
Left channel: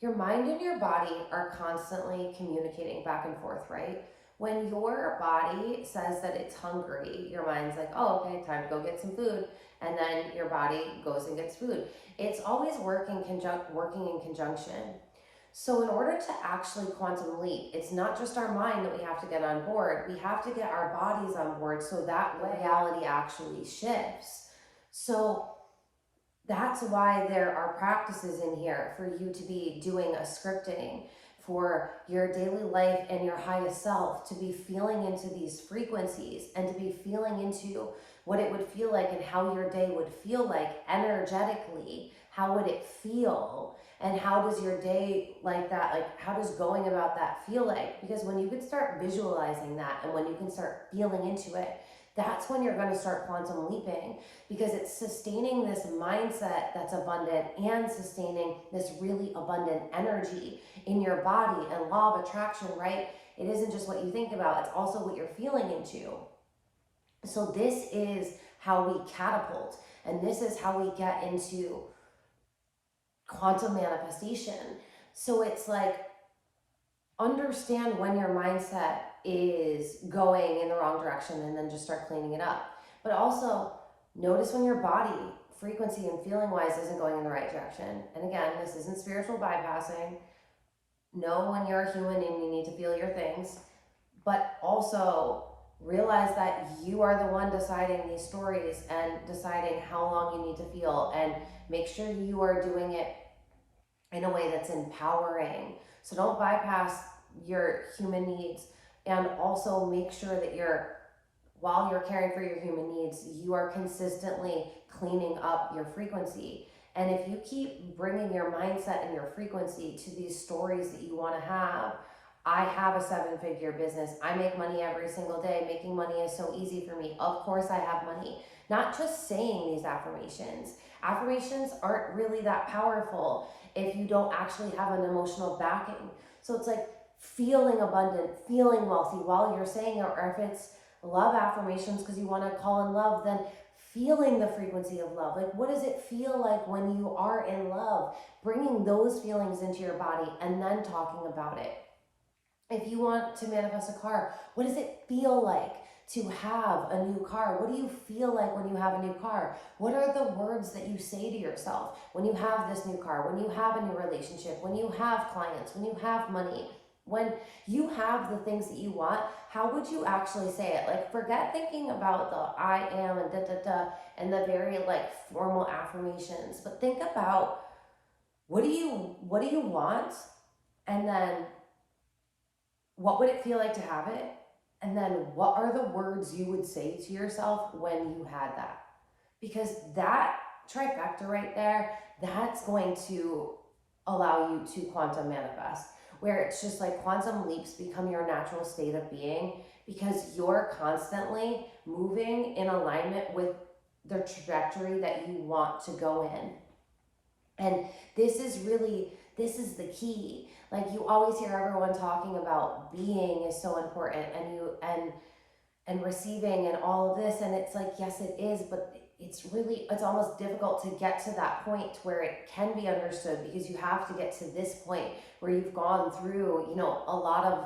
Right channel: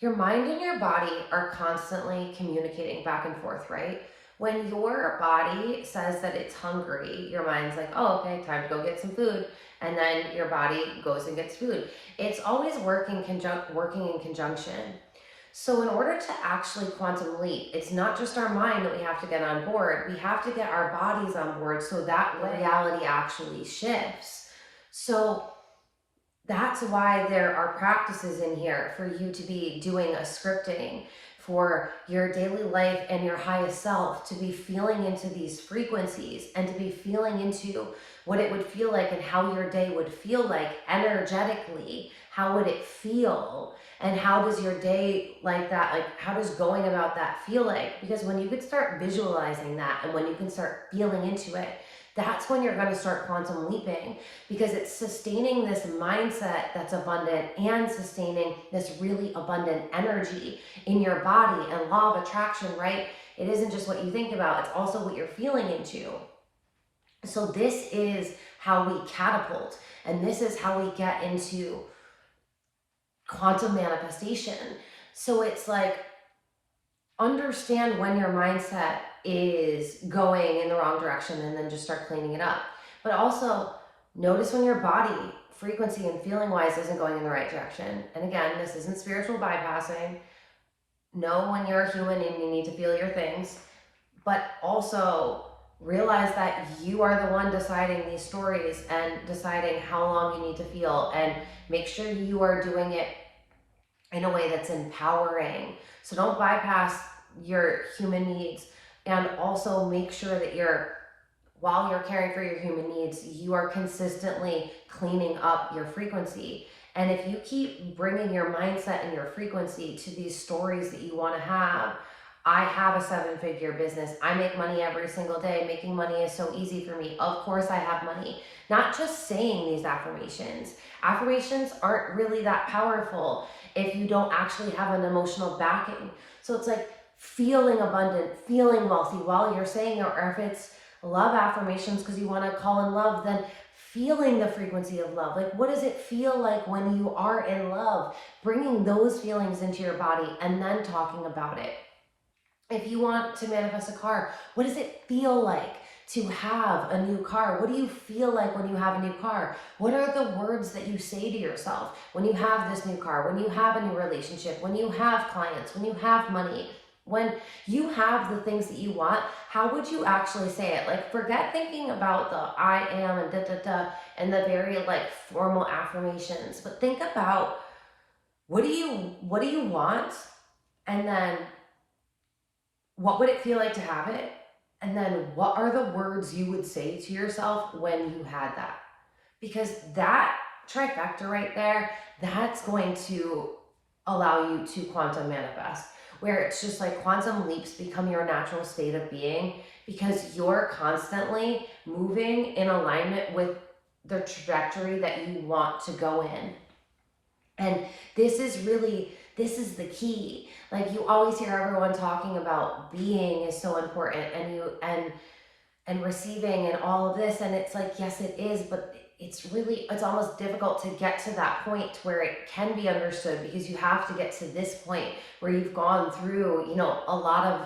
your mind and your body are constantly communicating back and forth, right? When your body says that it's hungry, your mind's like, oh, okay, time to go get some food. And then your body goes and gets food. It's always working in conjunction. So in order to actually quantum leap, it's not just our mind that we have to get on board. We have to get our bodies on board so that reality actually shifts. So That's why there are practices in here for you to be doing a scripting for your daily life and your highest self, to be feeling into these frequencies and to be feeling into what it would feel like and how your day would feel like energetically. How would it feel? And how does your day like that, like how does going about that feel like? Because when you can start visualizing that and when you can start feeling into it, that's when you're going to start quantum leaping, because it's sustaining this mindset that's abundant and sustaining this really abundant energy in your body. And law of attraction, right? It isn't just what you think about, it's also what you're feeling into. So this is how we catapult, and this is how we get into quantum manifestation. So it's like, understand when your mindset is going in the wrong direction and then just start cleaning it up. But also notice when your body frequency and feeling wise isn't going in the right direction. And again, this isn't spiritual bypassing. Know when you're a human and you need to feel your things, but also realize that you are the one deciding these stories and deciding how long you need to feel, and make sure you are doing it in a way that's empowering. So don't bypass your human needs, and also make sure that while you're caring for your human needs, you are consistently cleaning up your frequency. And if you keep bringing your mindset and your frequency to these stories that you want to have, I have a 7-figure business. I make money every single day. Making money is so easy for me. Of course I have money. Not just saying these affirmations. Affirmations aren't really that powerful if you don't actually have an emotional backing. So it's like feeling abundant, feeling wealthy while you're saying it, or if it's love affirmations because you want to call in love, then feeling the frequency of love. Like, what does it feel like when you are in love? Bringing those feelings into your body and then talking about it. If you want to manifest a car, what does it feel like to have a new car? What do you feel like when you have a new car? What are the words that you say to yourself when you have this new car, when you have a new relationship, when you have clients, when you have money, when you have the things that you want? How would you actually say it? Like, forget thinking about the I am and da da da and the very like formal affirmations, but think about what do you want, and then what would it feel like to have it? And then what are the words you would say to yourself when you had that? Because that trifecta right there, that's going to allow you to quantum manifest, where it's just like quantum leaps become your natural state of being, because you're constantly moving in alignment with the trajectory that you want to go in. And this is the key. Like, you always hear everyone talking about being is so important, and receiving and all of this, and it's like, yes it is, but it's almost difficult to get to that point where it can be understood, because you have to get to this point where you've gone through, a lot of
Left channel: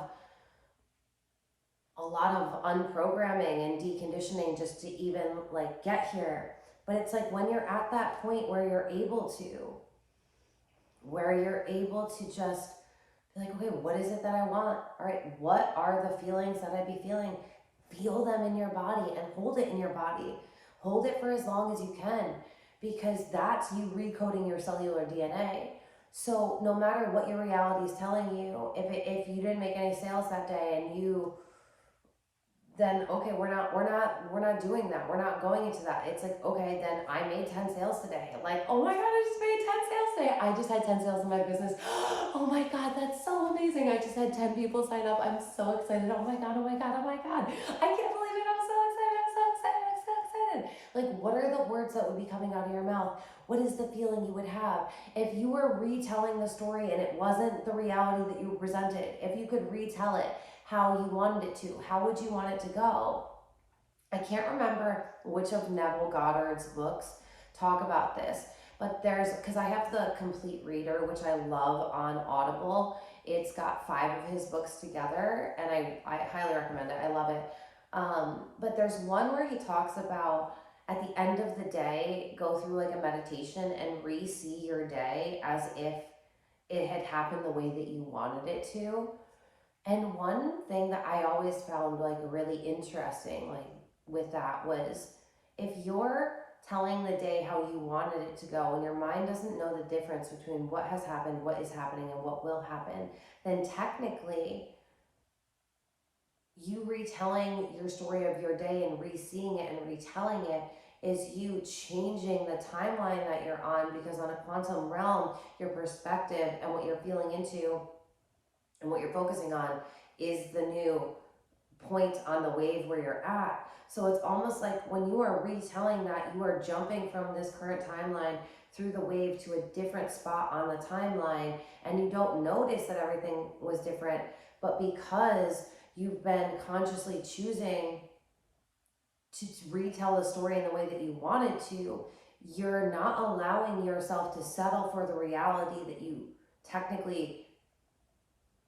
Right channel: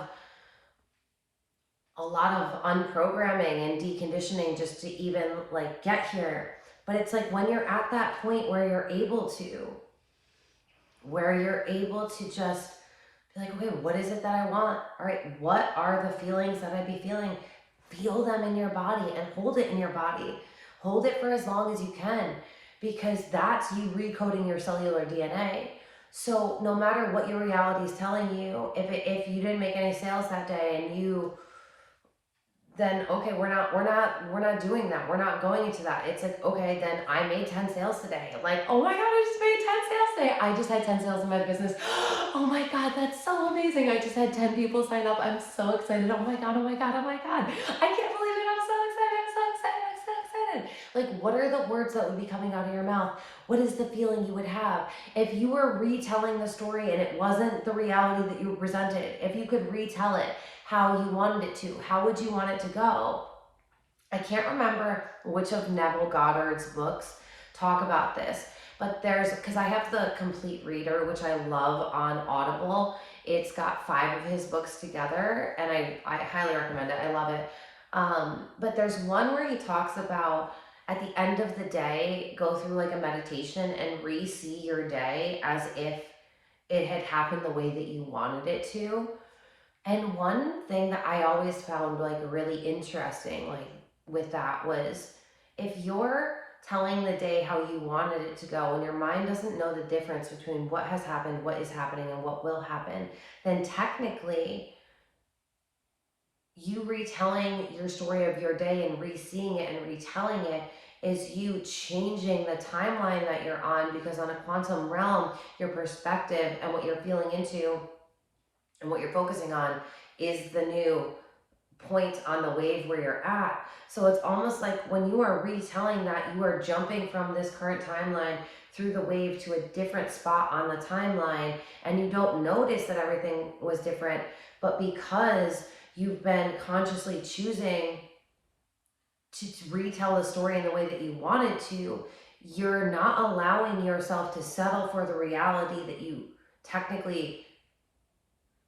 unprogramming and deconditioning just to even like get here. But it's like, when you're at that point where you're able to just be like, okay, what is it that I want? All right, what are the feelings that I'd be feeling? Feel them in your body and hold it in your body. Hold it for as long as you can, because that's you recoding your cellular DNA. So no matter what your reality is telling you, if you didn't make any sales that day, and then okay, we're not doing that. We're not going into that. It's like, okay, then I made 10 sales today. Like, oh my God, I just made 10 sales today. I just had 10 sales in my business. Oh my God, that's so amazing. I just had 10 people sign up. I'm so excited. Oh my God, oh my God, oh my God. I can't believe it. I'm so excited. I'm so excited. I'm so excited. Like, what are the words that would be coming out of your mouth? What is the feeling you would have? If you were retelling the story and it wasn't the reality that you presented, if you could retell it how you wanted it to, how would you want it to go? I can't remember which of Neville Goddard's books talk about this, but because I have the complete reader, which I love, on Audible. It's got 5 of his books together, and I highly recommend it. I love it. But there's one where he talks about, at the end of the day, go through like a meditation and re-see your day as if it had happened the way that you wanted it to. And one thing that I always found like really interesting, like with that, was if you're telling the day how you wanted it to go, when your mind doesn't know the difference between what has happened, what is happening, and what will happen, then technically you retelling your story of your day and re-seeing it and retelling it is you changing the timeline that you're on, because on a quantum realm, your perspective and what you're feeling into and what you're focusing on is the new point on the wave where you're at. So it's almost like when you are retelling that, you are jumping from this current timeline through the wave to a different spot on the timeline, and you don't notice that everything was different, but because you've been consciously choosing to retell the story in the way that you wanted to, you're not allowing yourself to settle for the reality that you technically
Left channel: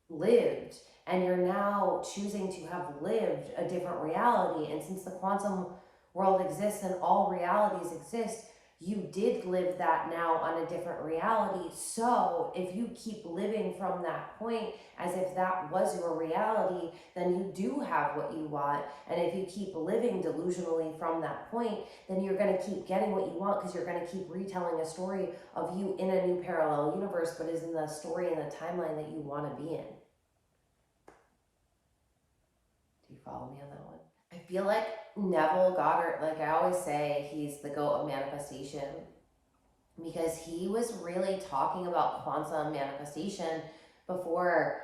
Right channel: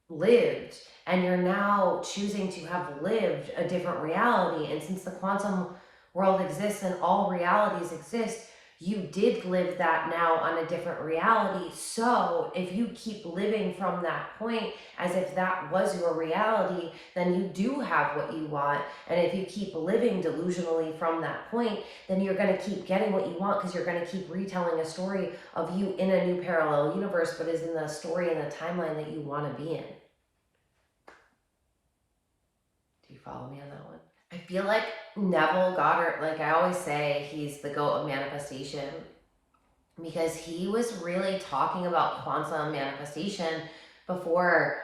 lived, and you're now choosing to have lived a different reality. And since the quantum world exists and all realities exist, you did live that now on a different reality. So if you keep living from that point as if that was your reality, then you do have what you want. And if you keep living delusionally from that point, then you're going to keep getting what you want, because you're going to keep retelling a story of you in a new parallel universe, but is in the story and the timeline that you want to be in. Do you follow me on that one? I feel like Neville Goddard, like I always say, he's the goat of manifestation, because he was really talking about quantum manifestation before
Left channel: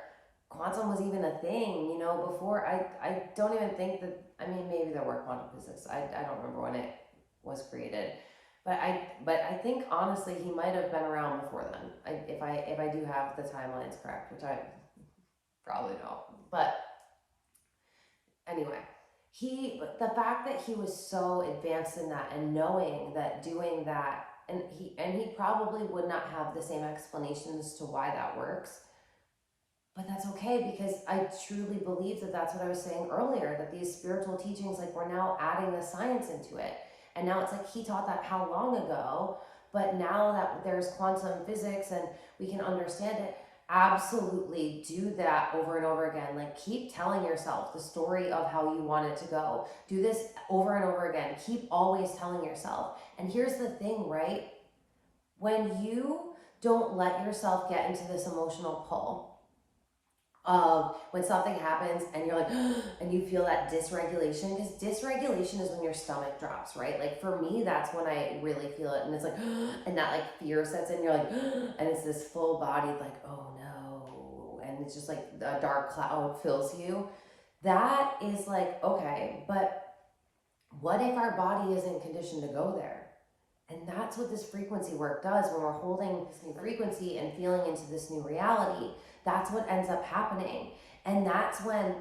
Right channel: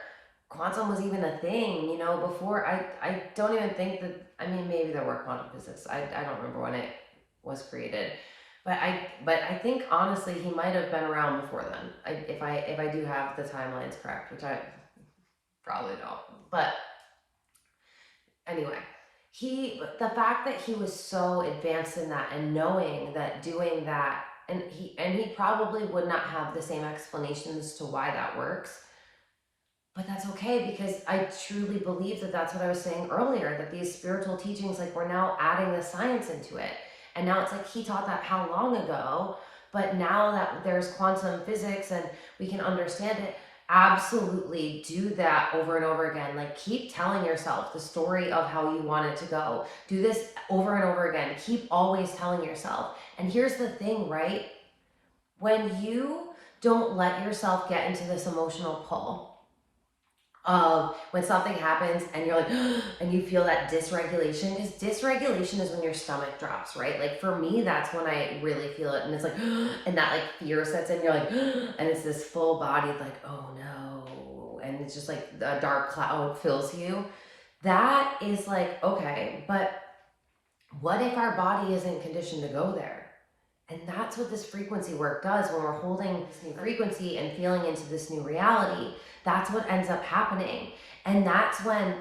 quantum was even a thing, you know, before I don't even think that, I mean, maybe there were quantum physics. I don't remember when it was created. But I think honestly he might have been around before then. If I do have the timelines correct, which I probably don't. But anyway, the fact that he was so advanced in that and knowing that doing that, and he probably would not have the same explanations to why that works, but that's okay, because I truly believe that that's what I was saying earlier, that these spiritual teachings, like we're now adding the science into it. And now it's like he taught that how long ago, but now that there's quantum physics and we can understand it, absolutely do that over and over again. Like keep telling yourself the story of how you want it to go. Do this over and over again. Keep always telling yourself. And here's the thing, right? When you don't let yourself get into this emotional pull of when something happens and you're like, and you feel that dysregulation, because dysregulation is when your stomach drops, right? Like for me, that's when I really feel it. And it's like, and that like fear sets in, you're like, and it's this full body, like, oh no. And it's just like a dark cloud fills you. That is like, okay, but what if our body isn't conditioned to go there? And that's what this frequency work does. When we're holding this new frequency and feeling into this new reality, that's what ends up happening. And that's when,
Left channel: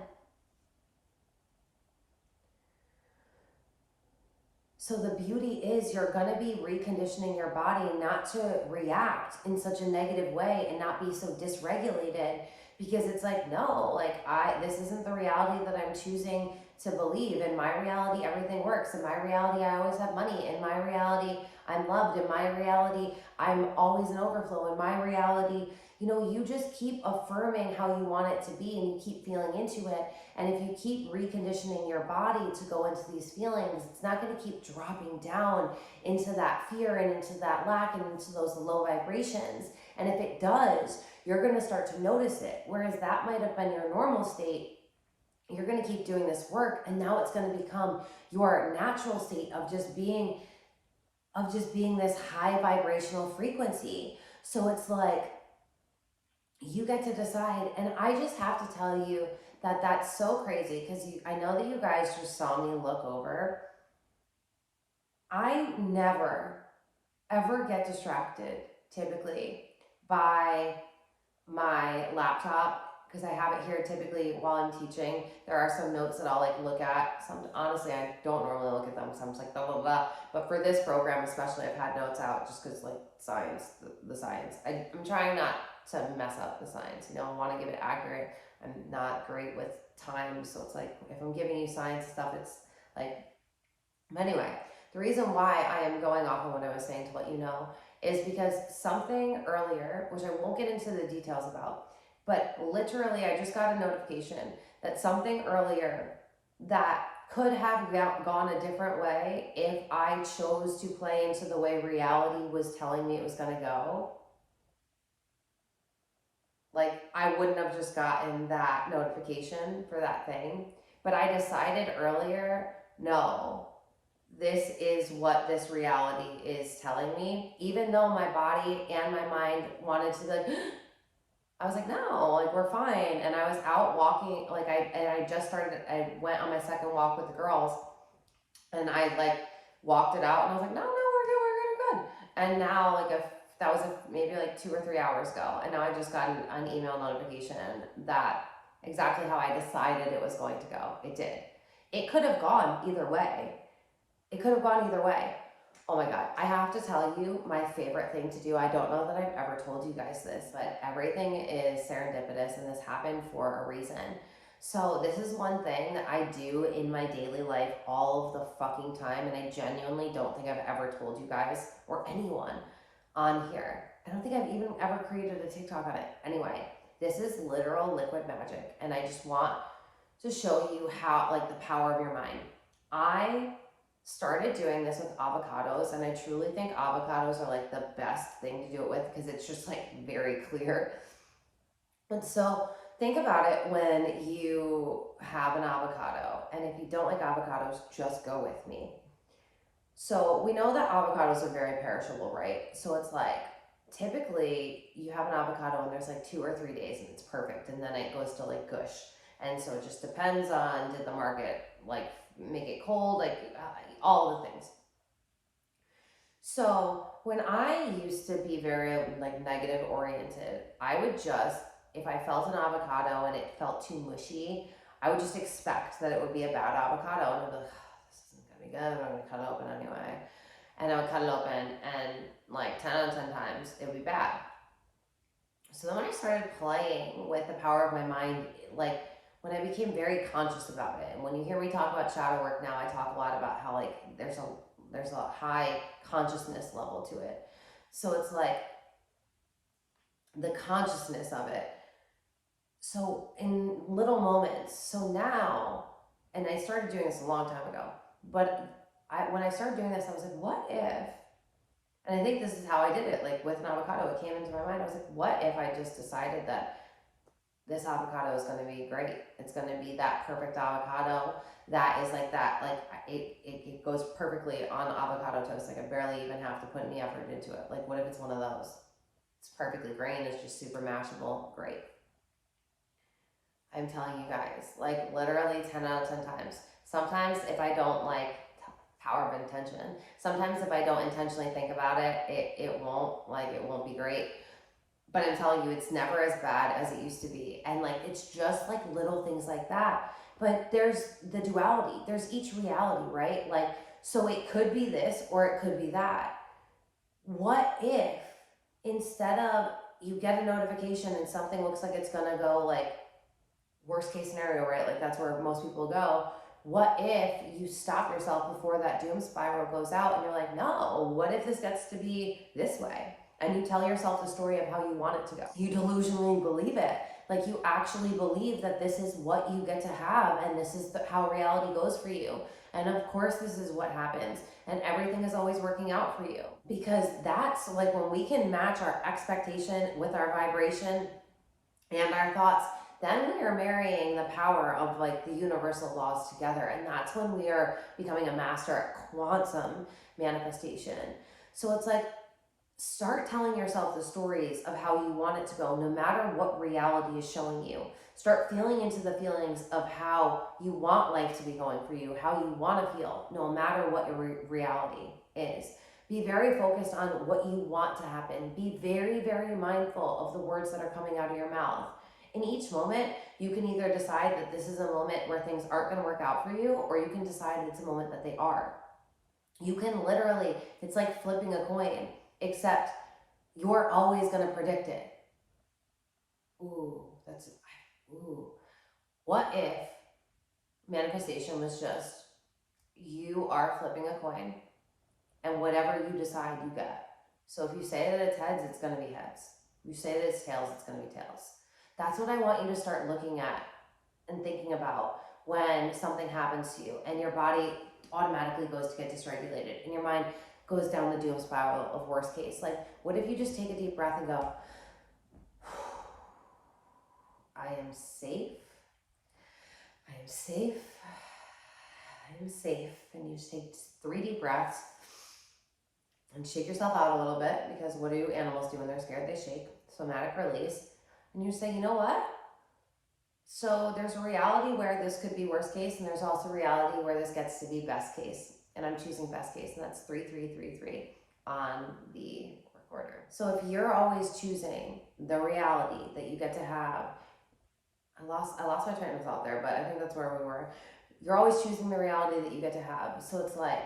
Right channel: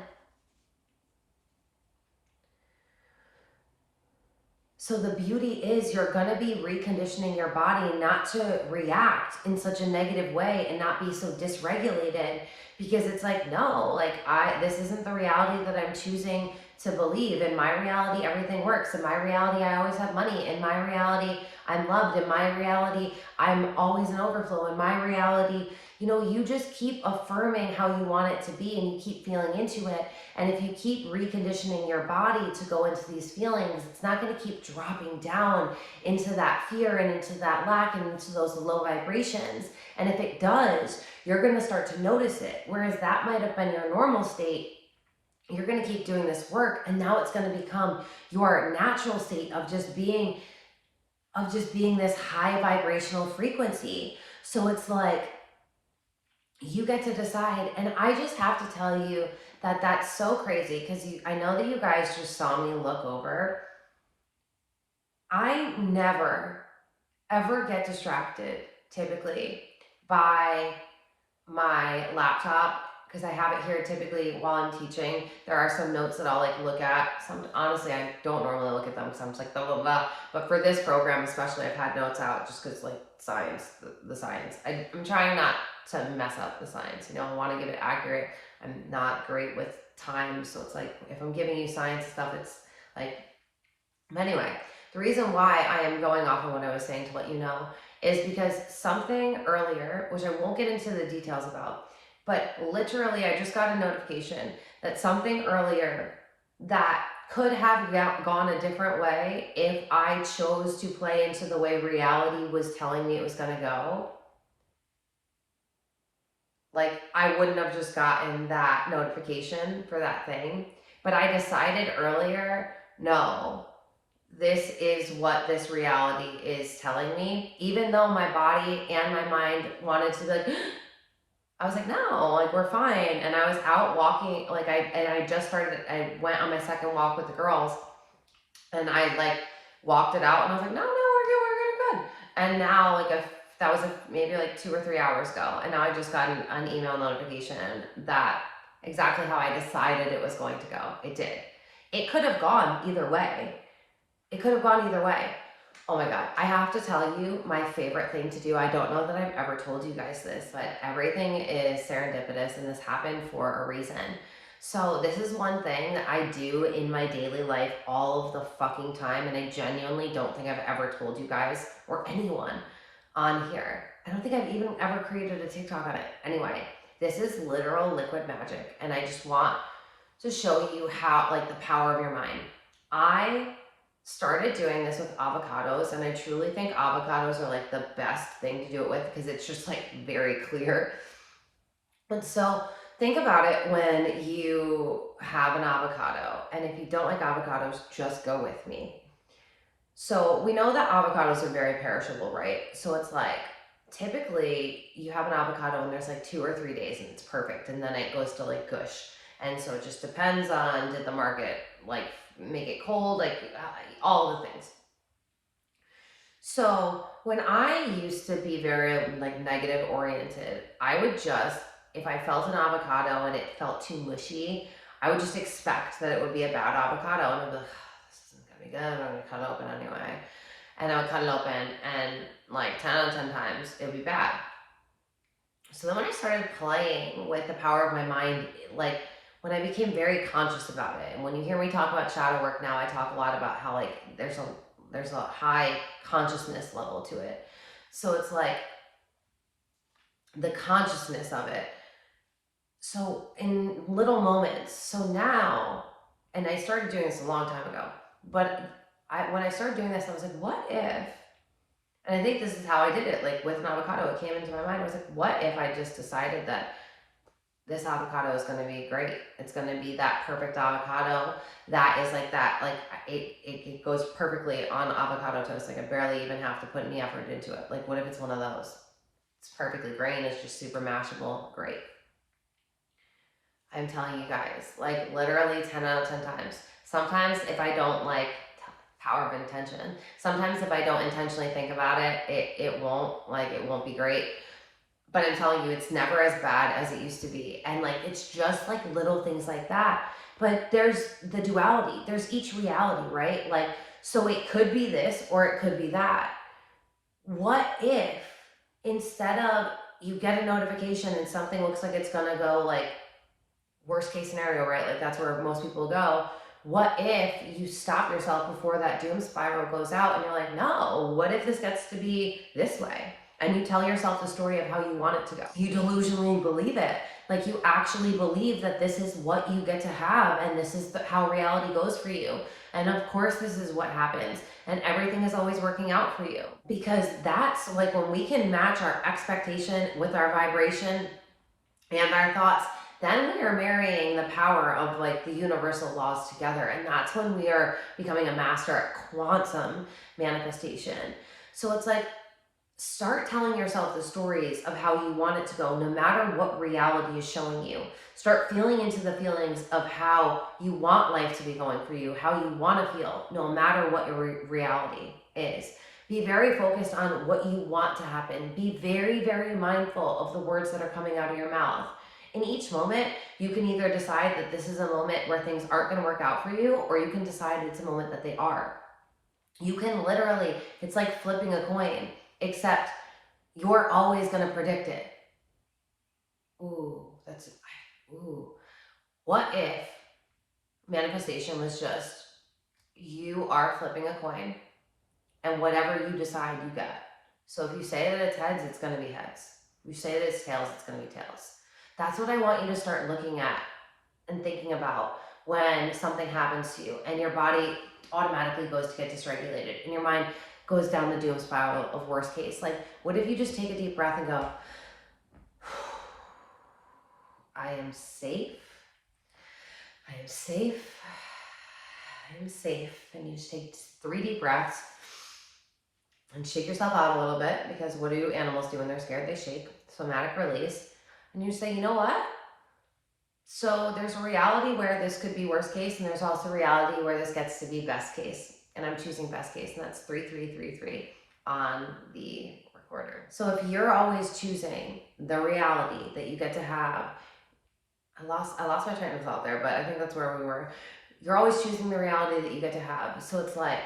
so the beauty is you're going to be reconditioning your body not to react in such a negative way and not be so dysregulated, because it's like, no, like this isn't the reality that I'm choosing to believe. In my reality, everything works. In my reality, I always have money. In my reality, I'm loved. In my reality, I'm always in overflow. In my reality, you know, you just keep affirming how you want it to be and you keep feeling into it. And if you keep reconditioning your body to go into these feelings, it's not going to keep dropping down into that fear and into that lack and into those low vibrations. And if it does, you're going to start to notice it. Whereas that might have been your normal state. You're going to keep doing this work, and now it's going to become your natural state of just being this high vibrational frequency. So it's like you get to decide. And I just have to tell you that that's so crazy, because I know that you guys just saw me look over. I never ever get distracted typically by my laptop, because I have it here typically while I'm teaching. There are some notes that I'll like look at. Honestly, I don't normally look at them because I'm just like blah, blah, blah. But for this program especially, I've had notes out just because like science, the science. I'm trying not to mess up the science. You know, I want to give it accurate. I'm not great with time. So it's like, if I'm giving you science stuff, it's like, but anyway, the reason why I am going off of what I was saying to let you know is because something earlier, which I won't get into the details about, but literally I just got a notification that something earlier that could have gone a different way if I chose to play into the way reality was telling me it was going to go. Like, I wouldn't have just gotten that notification for that thing. But I decided earlier, no, this is what this reality is telling me. Even though my body and my mind wanted to be like, I was like, no, like, we're fine. And I was out walking, like, I just started, I went on my second walk with the girls, and I like walked it out, and I was like, no, we're good. And now, like, that was maybe like 2 or 3 hours ago, and now I just got an email notification that exactly how I decided it was going to go. It did. It could have gone either way. Oh my God, I have to tell you my favorite thing to do. I don't know that I've ever told you guys this, but everything is serendipitous, and this happened for a reason. So this is one thing that I do in my daily life all of the fucking time, and I genuinely don't think I've ever told you guys or anyone on here. I don't think I've even ever created a TikTok on it. Anyway, this is literal liquid magic, and I just want to show you how, like, the power of your mind. I started doing this with avocados, and I truly think avocados are like the best thing to do it with because it's just like very clear. And so think about it when you have an avocado, and if you don't like avocados, just go with me. So we know that avocados are very perishable, right? So it's like, typically you have an avocado and there's like 2 or 3 days and it's perfect, and then it goes to like gush. And so it just depends on, did the market like make it cold, like all the things. So when I used to be very like negative oriented, I would just, if I felt an avocado and it felt too mushy, I would just expect that it would be a bad avocado, and I'd be like, oh, this isn't gonna be good, I'm gonna cut it open anyway. And I would cut it open, and like 10 out of 10 times it would be bad. So then when I started playing with the power of my mind, like when I became very conscious about it, and when you hear me talk about shadow work now, I talk a lot about how like there's a high consciousness level to it. So it's like the consciousness of it. So in little moments. So now, and I started doing this a long time ago, but when I started doing this, I was like, what if, and I think this is how I did it, like with an avocado, it came into my mind. I was like, what if I just decided that this avocado is going to be great. It's going to be that perfect avocado that is like that, like it goes perfectly on avocado toast. Like I barely even have to put any effort into it. Like what if it's one of those? It's perfectly grain. It's just super mashable. Great. I'm telling you guys, like literally 10 out of 10 times. Sometimes if I don't like power of intention, sometimes if I don't intentionally think about it, it won't be great. But I'm telling you, it's never as bad as it used to be. And like, it's just like little things like that. But there's the duality. There's each reality, right? Like, so it could be this or it could be that. What if instead of you get a notification and something looks like it's gonna go like worst case scenario, right? Like that's where most people go. What if you stop yourself before that doom spiral goes out and you're like, no, what if this gets to be this way? And you tell yourself the story of how you want it to go. You delusionally believe it. Like you actually believe that this is what you get to have, and this is how reality goes for you. And of course, this is what happens. And everything is always working out for you. Because that's like when we can match our expectation with our vibration and our thoughts, then we are marrying the power of like the universal laws together. And that's when we are becoming a master at quantum manifestation. So it's like, start telling yourself the stories of how you want it to go, no matter what reality is showing you. Start feeling into the feelings of how you want life to be going for you, how you want to feel, no matter what your reality is. Be very focused on what you want to happen. Be very, very mindful of the words that are coming out of your mouth. In each moment, you can either decide that this is a moment where things aren't going to work out for you, or you can decide it's a moment that they are. You can literally, it's like flipping a coin, except you're always going to predict it. Ooh. What if manifestation was just, you are flipping a coin, and whatever you decide, you get. So if you say that it's heads, it's going to be heads. If you say that it's tails, it's going to be tails. That's what I want you to start looking at and thinking about when something happens to you and your body automatically goes to get dysregulated and your mind goes down the doom spiral of worst case. Like, what if you just take a deep breath and go, I am safe, I am safe, I am safe. And you just take 3 deep breaths and shake yourself out a little bit, because what do animals do when they're scared? They shake. Somatic release. And you say, you know what? So there's a reality where this could be worst case, and there's also reality where this gets to be best case. And I'm choosing best case, and that's 3333 on the recorder. So if you're always choosing the reality that you get to have, I lost my train of thought there, but I think that's where we were. You're always choosing the reality that you get to have. So it's like,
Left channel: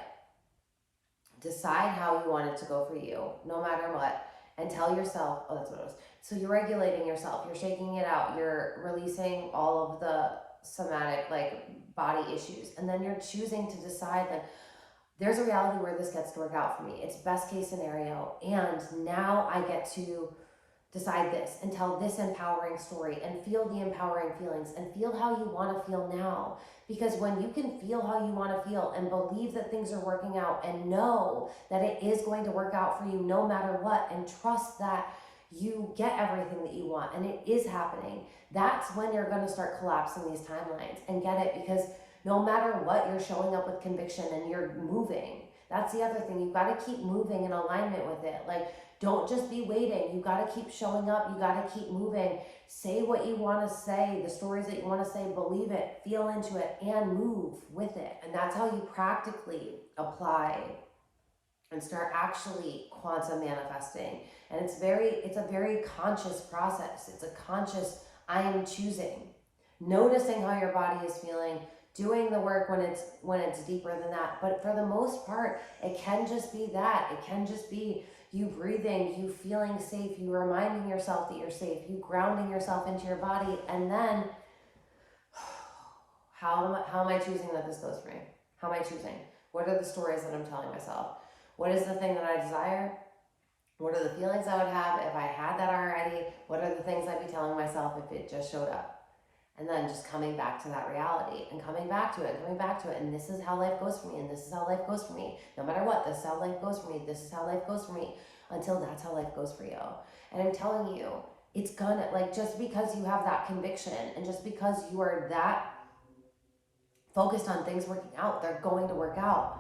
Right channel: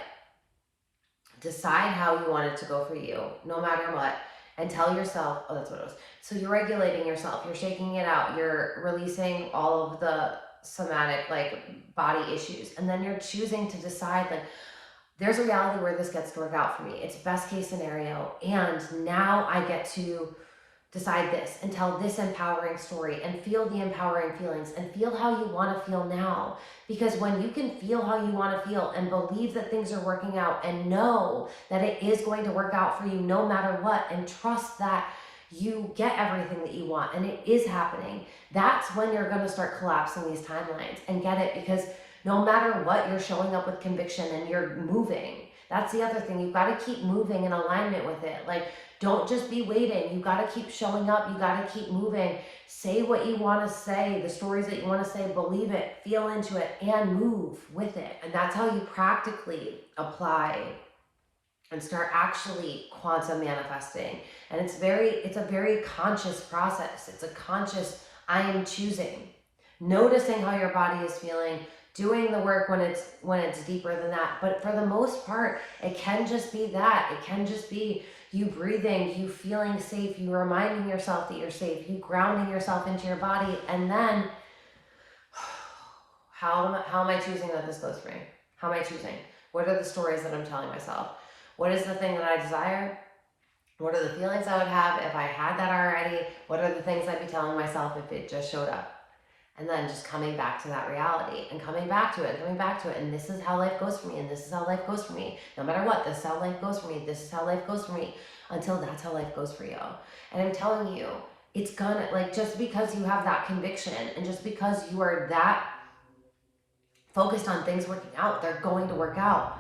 decide how you want it to go for you, no matter what, and tell yourself, oh, that's what it was. So you're regulating yourself, you're shaking it out, you're releasing all of the somatic, like, body issues, and then you're choosing to decide, like, there's a reality where this gets to work out for me. It's best case scenario, and now I get to decide this and tell this empowering story and feel the empowering feelings and feel how you want to feel now. Because when you can feel how you want to feel and believe that things are working out and know that it is going to work out for you no matter what, and trust that you get everything that you want and it is happening, that's when you're going to start collapsing these timelines. And get it, because no matter what, you're showing up with conviction and you're moving. That's the other thing. You've got to keep moving in alignment with it. Like, don't just be waiting. You got to keep showing up. You got to keep moving. Say what you want to say, the stories that you want to say, believe it, feel into it, and move with it. And that's how you practically apply and start actually quantum manifesting. And it's a very conscious process. It's a conscious, I am choosing, noticing how your body is feeling, doing the work when it's deeper than that. But for the most part, it can just be that. It can just be you breathing, you feeling safe, you reminding yourself that you're safe, you grounding yourself into your body, and then how am I choosing that this goes for me? How am I choosing? What are the stories that I'm telling myself? What is the thing that I desire? What are the feelings I would have if I had that already? What are the things I'd be telling myself if it just showed up? And then just coming back to that reality and coming back to it, and this is how life goes for me, and this is how life goes for me. No matter what, this is how life goes for me, this is how life goes for me, until that's how life goes for you. And I'm telling you, it's gonna, like, just because you have that conviction and just because you are that focused on things working out, they're going to work out.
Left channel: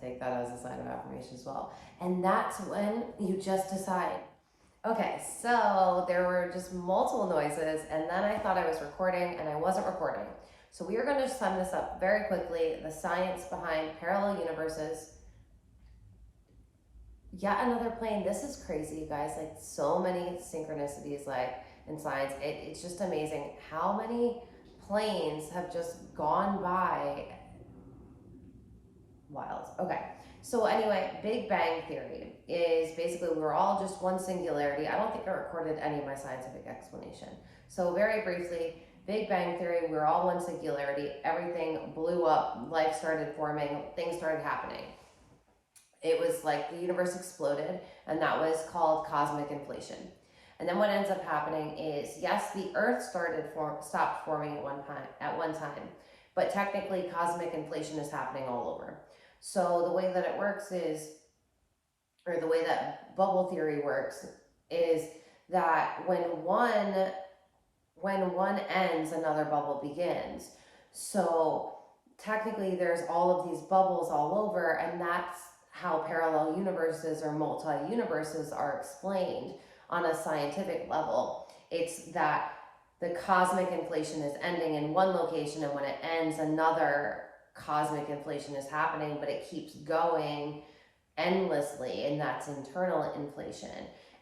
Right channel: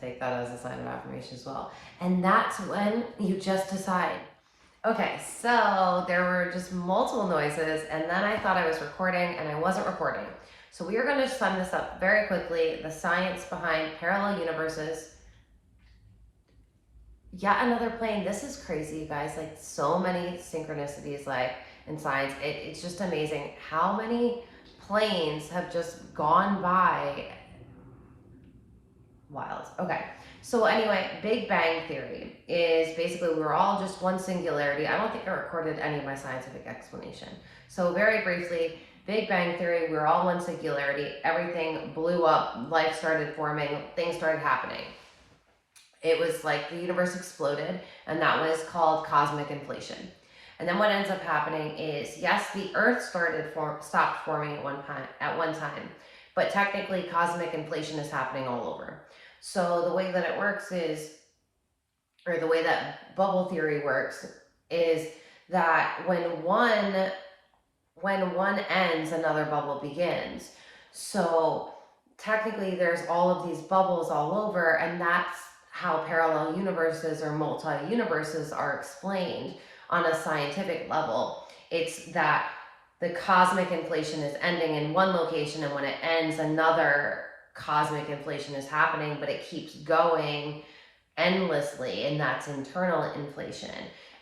Take that as a sign of affirmation as well. And that's when you just decide. Okay, so there were just multiple noises, and then I thought I was recording and I wasn't recording. So we are going to sum this up very quickly. The science behind parallel universes. Yet another plane. This is crazy, you guys. Like, so many synchronicities, like, in science. It's just amazing how many planes have just gone by. Wild. Okay. So anyway, Big Bang Theory is basically we're all just one singularity. I don't think I recorded any of my scientific explanation. So very briefly, Big Bang Theory, we're all one singularity. Everything blew up, life started forming, things started happening. It was like the universe exploded, and that was called cosmic inflation. And then what ends up happening is, yes, the Earth stopped forming at one time, but technically cosmic inflation is happening all over. So the way that it works is, or the way that bubble theory works, is that when one ends, another bubble begins. So technically there's all of these bubbles all over, and that's how parallel universes or multi-universes are explained on a scientific level. It's that the cosmic inflation is ending in one location, and when it ends, another cosmic inflation is happening, but it keeps going endlessly, and that's internal inflation,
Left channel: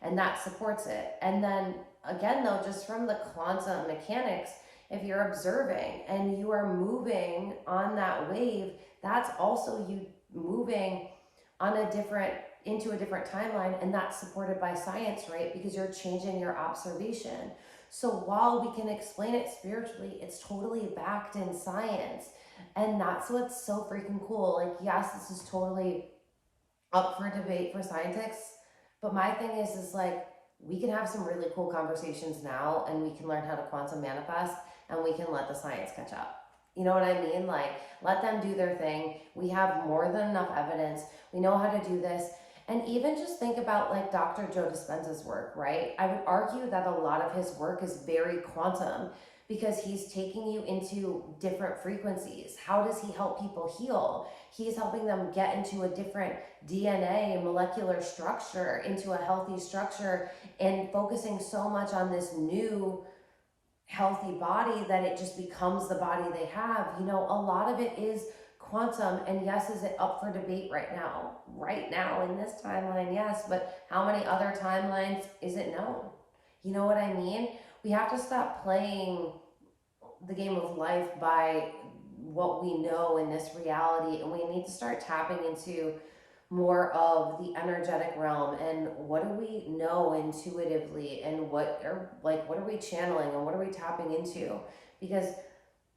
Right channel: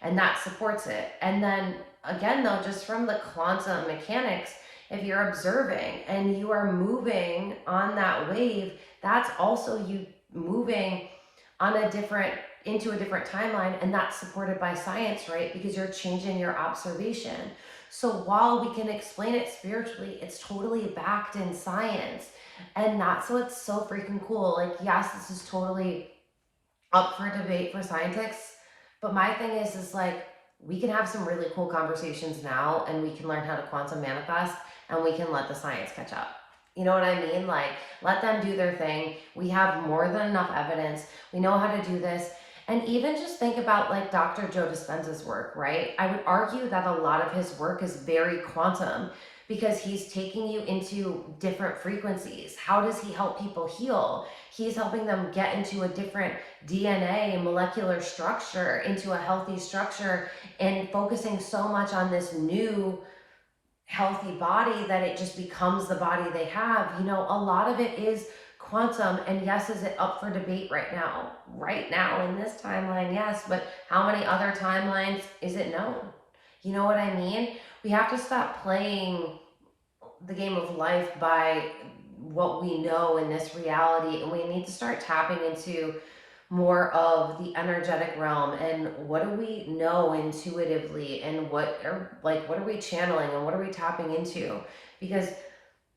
and that supports it. And then again, though, just from the quantum mechanics, if you're observing and you are moving on that wave, that's also you moving on into a different timeline, and that's supported by science, right? Because you're changing your observation. So while we can explain it spiritually, it's totally backed in science. And that's what's so freaking cool. Like, yes, this is totally up for debate for scientists, but my thing is like, we can have some really cool conversations now, and we can learn how to quantum manifest, and we can let the science catch up. You know what I mean? Like, let them do their thing. We have more than enough evidence. We know how to do this. And even just think about like Dr. Joe Dispenza's work, right? I would argue that a lot of his work is very quantum, because he's taking you into different frequencies. How does he help people heal? He's helping them get into a different DNA molecular structure, into a healthy structure, and focusing so much on this new healthy body that it just becomes the body they have. You know, a lot of it is quantum. And yes, is it up for debate right now? Right now in this timeline, yes, but how many other timelines is it known? You know what I mean? We have to stop playing the game of life by what we know in this reality, and we need to start tapping into more of the energetic realm, and what do we know intuitively, and what are we channeling, and what are we tapping into. Because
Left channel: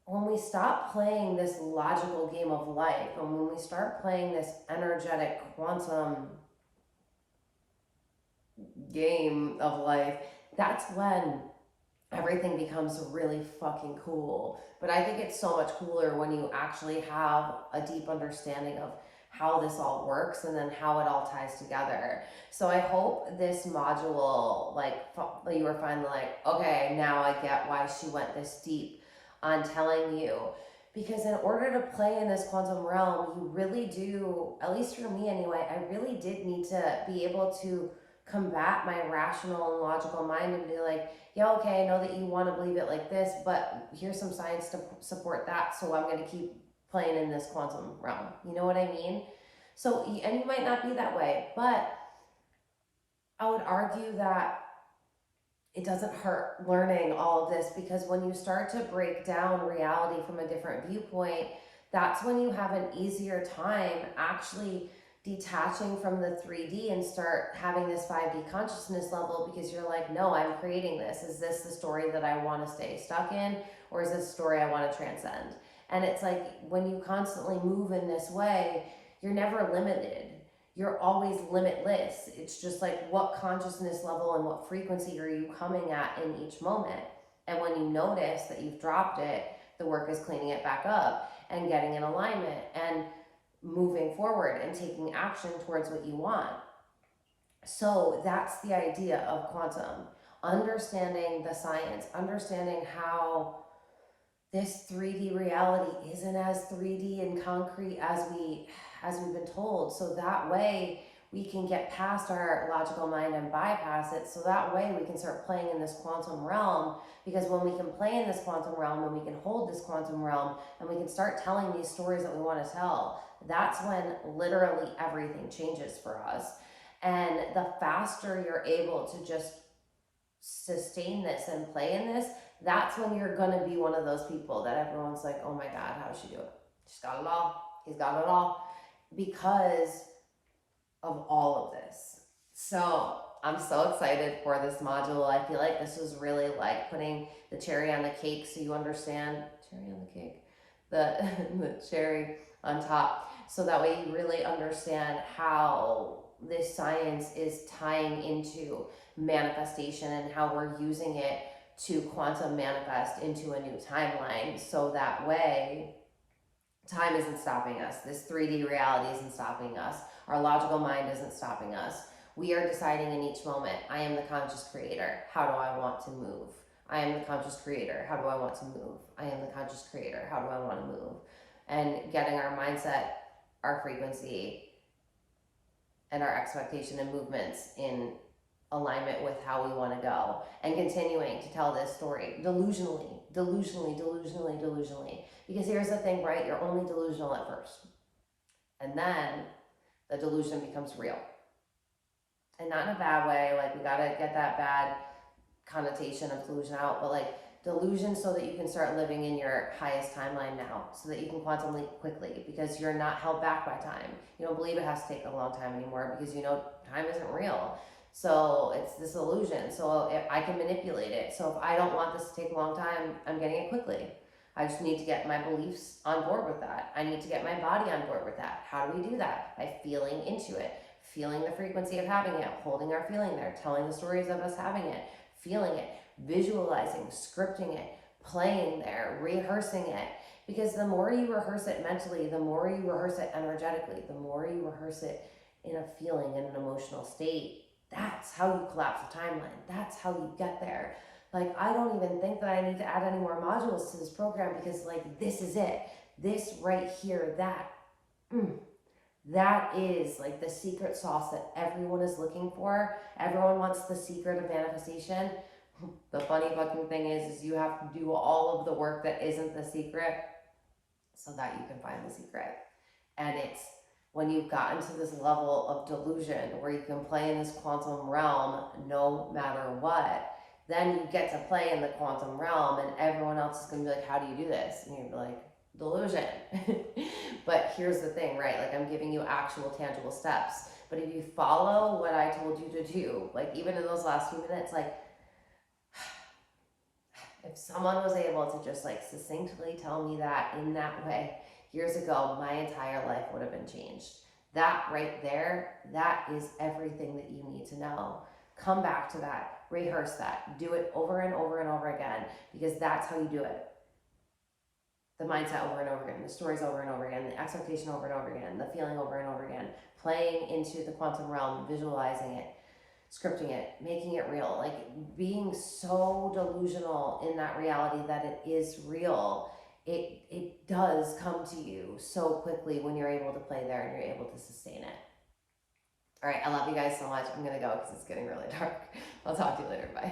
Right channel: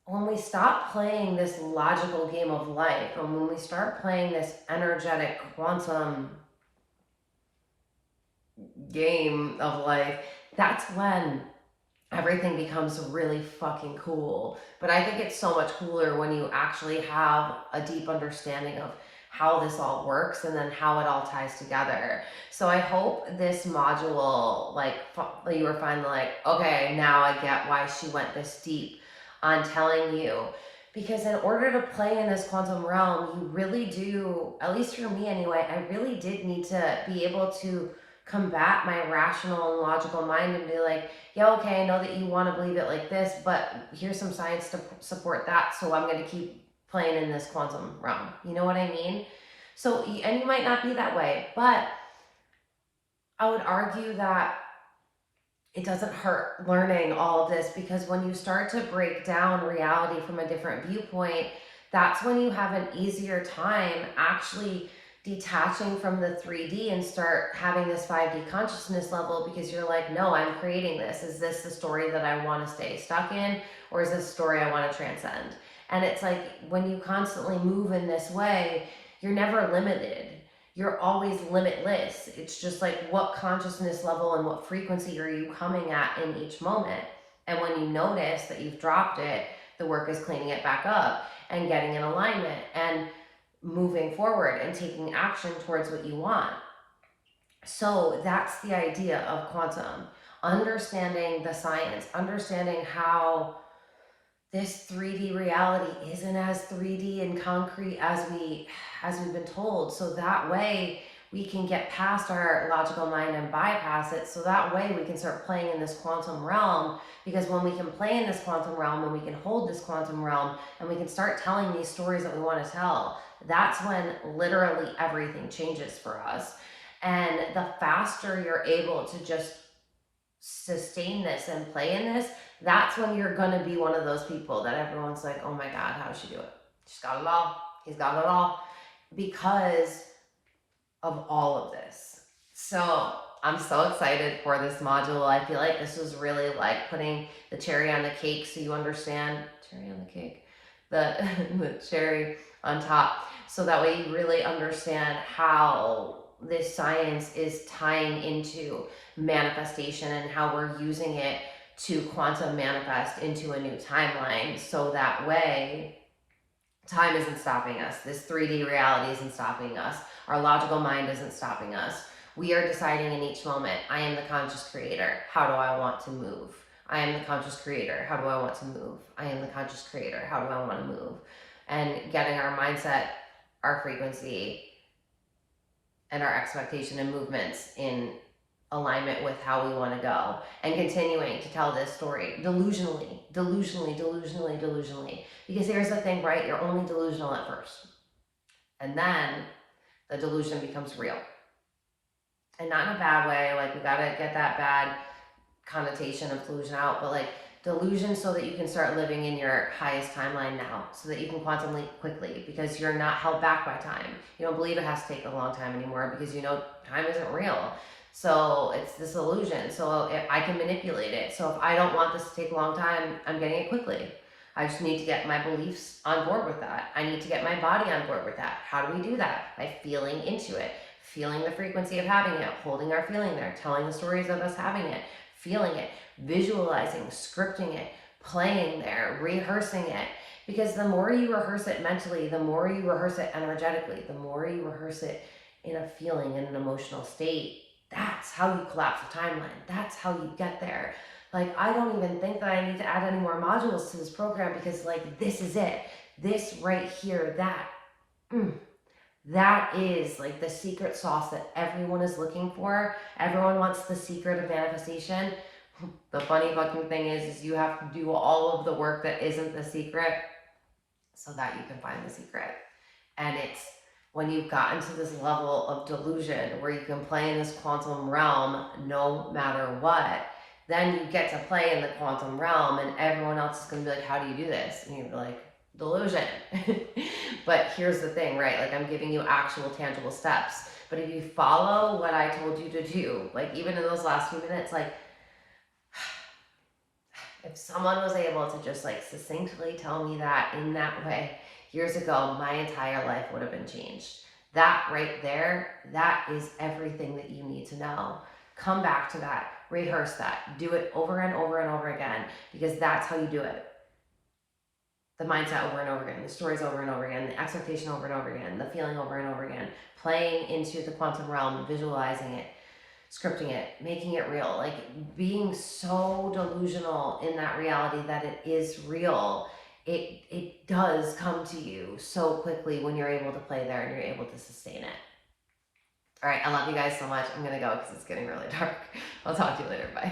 when we stop playing this logical game of life, and when we start playing this energetic quantum game of life, that's when everything becomes really fucking cool. But I think it's so much cooler when you actually have a deep understanding of how this all works, and then how it all ties together. So I hope this module, like, you were finally like, okay, now I get why she went this deep on telling you. Because in order to play in this quantum realm, you really do, at least for me anyway, I really did need to be able to combat my rational and logical mind and be like, yeah, okay, I know that you want to believe it like this, but here's some science to support that, so I'm going to keep playing in this quantum realm. You know what I mean? So, and you might not be that way, but I would argue that it doesn't hurt learning all of this, because when you start to break down reality from a different viewpoint, that's when you have an easier time actually detaching from the 3D and start having this 5D consciousness level, because you're like, no, I'm creating this. Is this the story that I want to stay stuck in, or is this a story I want to transcend? And it's like, when you constantly move in this way, you're never limited. You're always limitless. It's just like, what consciousness level and what frequency are you coming at in each moment? And when you notice that you've dropped it, the work is cleaning it back up and getting in alignment and moving forward and taking action towards what you want. So that's the idea of quantum. Understanding the science, understanding how this 3D reality isn't as 3D and concrete as we've been told. So that way we can get past our logical mind and bypass it. So that way we can start playing in this quantum realm. Because when we can play in this quantum realm, and we can hold this quantum realm, and we can start telling these stories that we want to tell, that's when literally everything changes for us. And the faster you're able to just sustain this and play in this, that's when you're gonna be one of those people that everyone's like, oh my God, how does she do it? She's got it all. He's got it all. Because of all of this. So I'm so excited for this module. I feel like this was really like putting the cherry on the cake, so you understand, cherry on the cake, the cherry on top, so that way you really understand how this science is tying into manifestation, and how we're using it to quantum manifest into a new timeline. So that way time isn't stopping us. This 3D reality isn't stopping us. Our logical mind isn't stopping us. We are deciding in each moment, I am the conscious creator. How do I want to move? I am the conscious creator. How do I want to move? I am the conscious creator. How do I want to move? And getting our mindset, our frequency, and our expectation and movements in alignment with how we want to go, and continuing to tell this story delusionally. Because here's the thing, right? You're only delusional at first, and then the delusion becomes real. And not in a bad way, like, we gotta get that bad connotation of delusion out, but like delusion so that you can start living in your highest timeline now, so that you can quantum leap quickly, because you're not held back by time. You don't believe it has to take a long time anymore, because you know time isn't real. So it's this illusion. So I can manipulate it. So if I don't want this to take a long time, I'm getting it quickly. I just need to get my beliefs on board with that. I need to get my body on board with that. How do we do that? By feeling into it, feeling the frequency of having it, holding our feeling there, telling the stories of us having it, feeling it, visualizing, scripting it, playing there, rehearsing it. Because the more you rehearse it mentally, the more you rehearse it energetically, the more you rehearse it in a feeling, in an emotional state, that's how you collapse the timeline. That's how you get there. Like, I don't even think that I need to add any more modules to this program, because like, this is it. This right here, that is like the secret sauce that everyone is looking for. Everyone wants the secret of manifestation. The funny fucking thing is you have to do all of the work that isn't the secret so that you can find the secret. And it's when you've gotten to this level of delusion where you can play in this quantum realm no matter what, then you get to play in the quantum realm, and everyone else is going to be like, how do you do this? And you're like, delusion. But here's the thing, right? Like, I'm giving you actual tangible steps. But if you follow what I told you to do, like even in those last few minutes, like if someone was able to just like succinctly tell me that in that way years ago, my entire life would have been changed. That right there, that is everything that you need to know. Come back to that, rehearse that, do it over and over and over again, because that's how you do it. The mindset over and over again, the stories over and over again, the expectation over and over again, the feeling over and over again, playing into the quantum realm, visualizing it, scripting it, making it real, like being so delusional in that reality that it is real. It does come to you so quickly when you're able to play there and you're able to sustain it. All right, I love you guys so much. I'm gonna go because it's getting really dark. I'll talk to you later. Bye.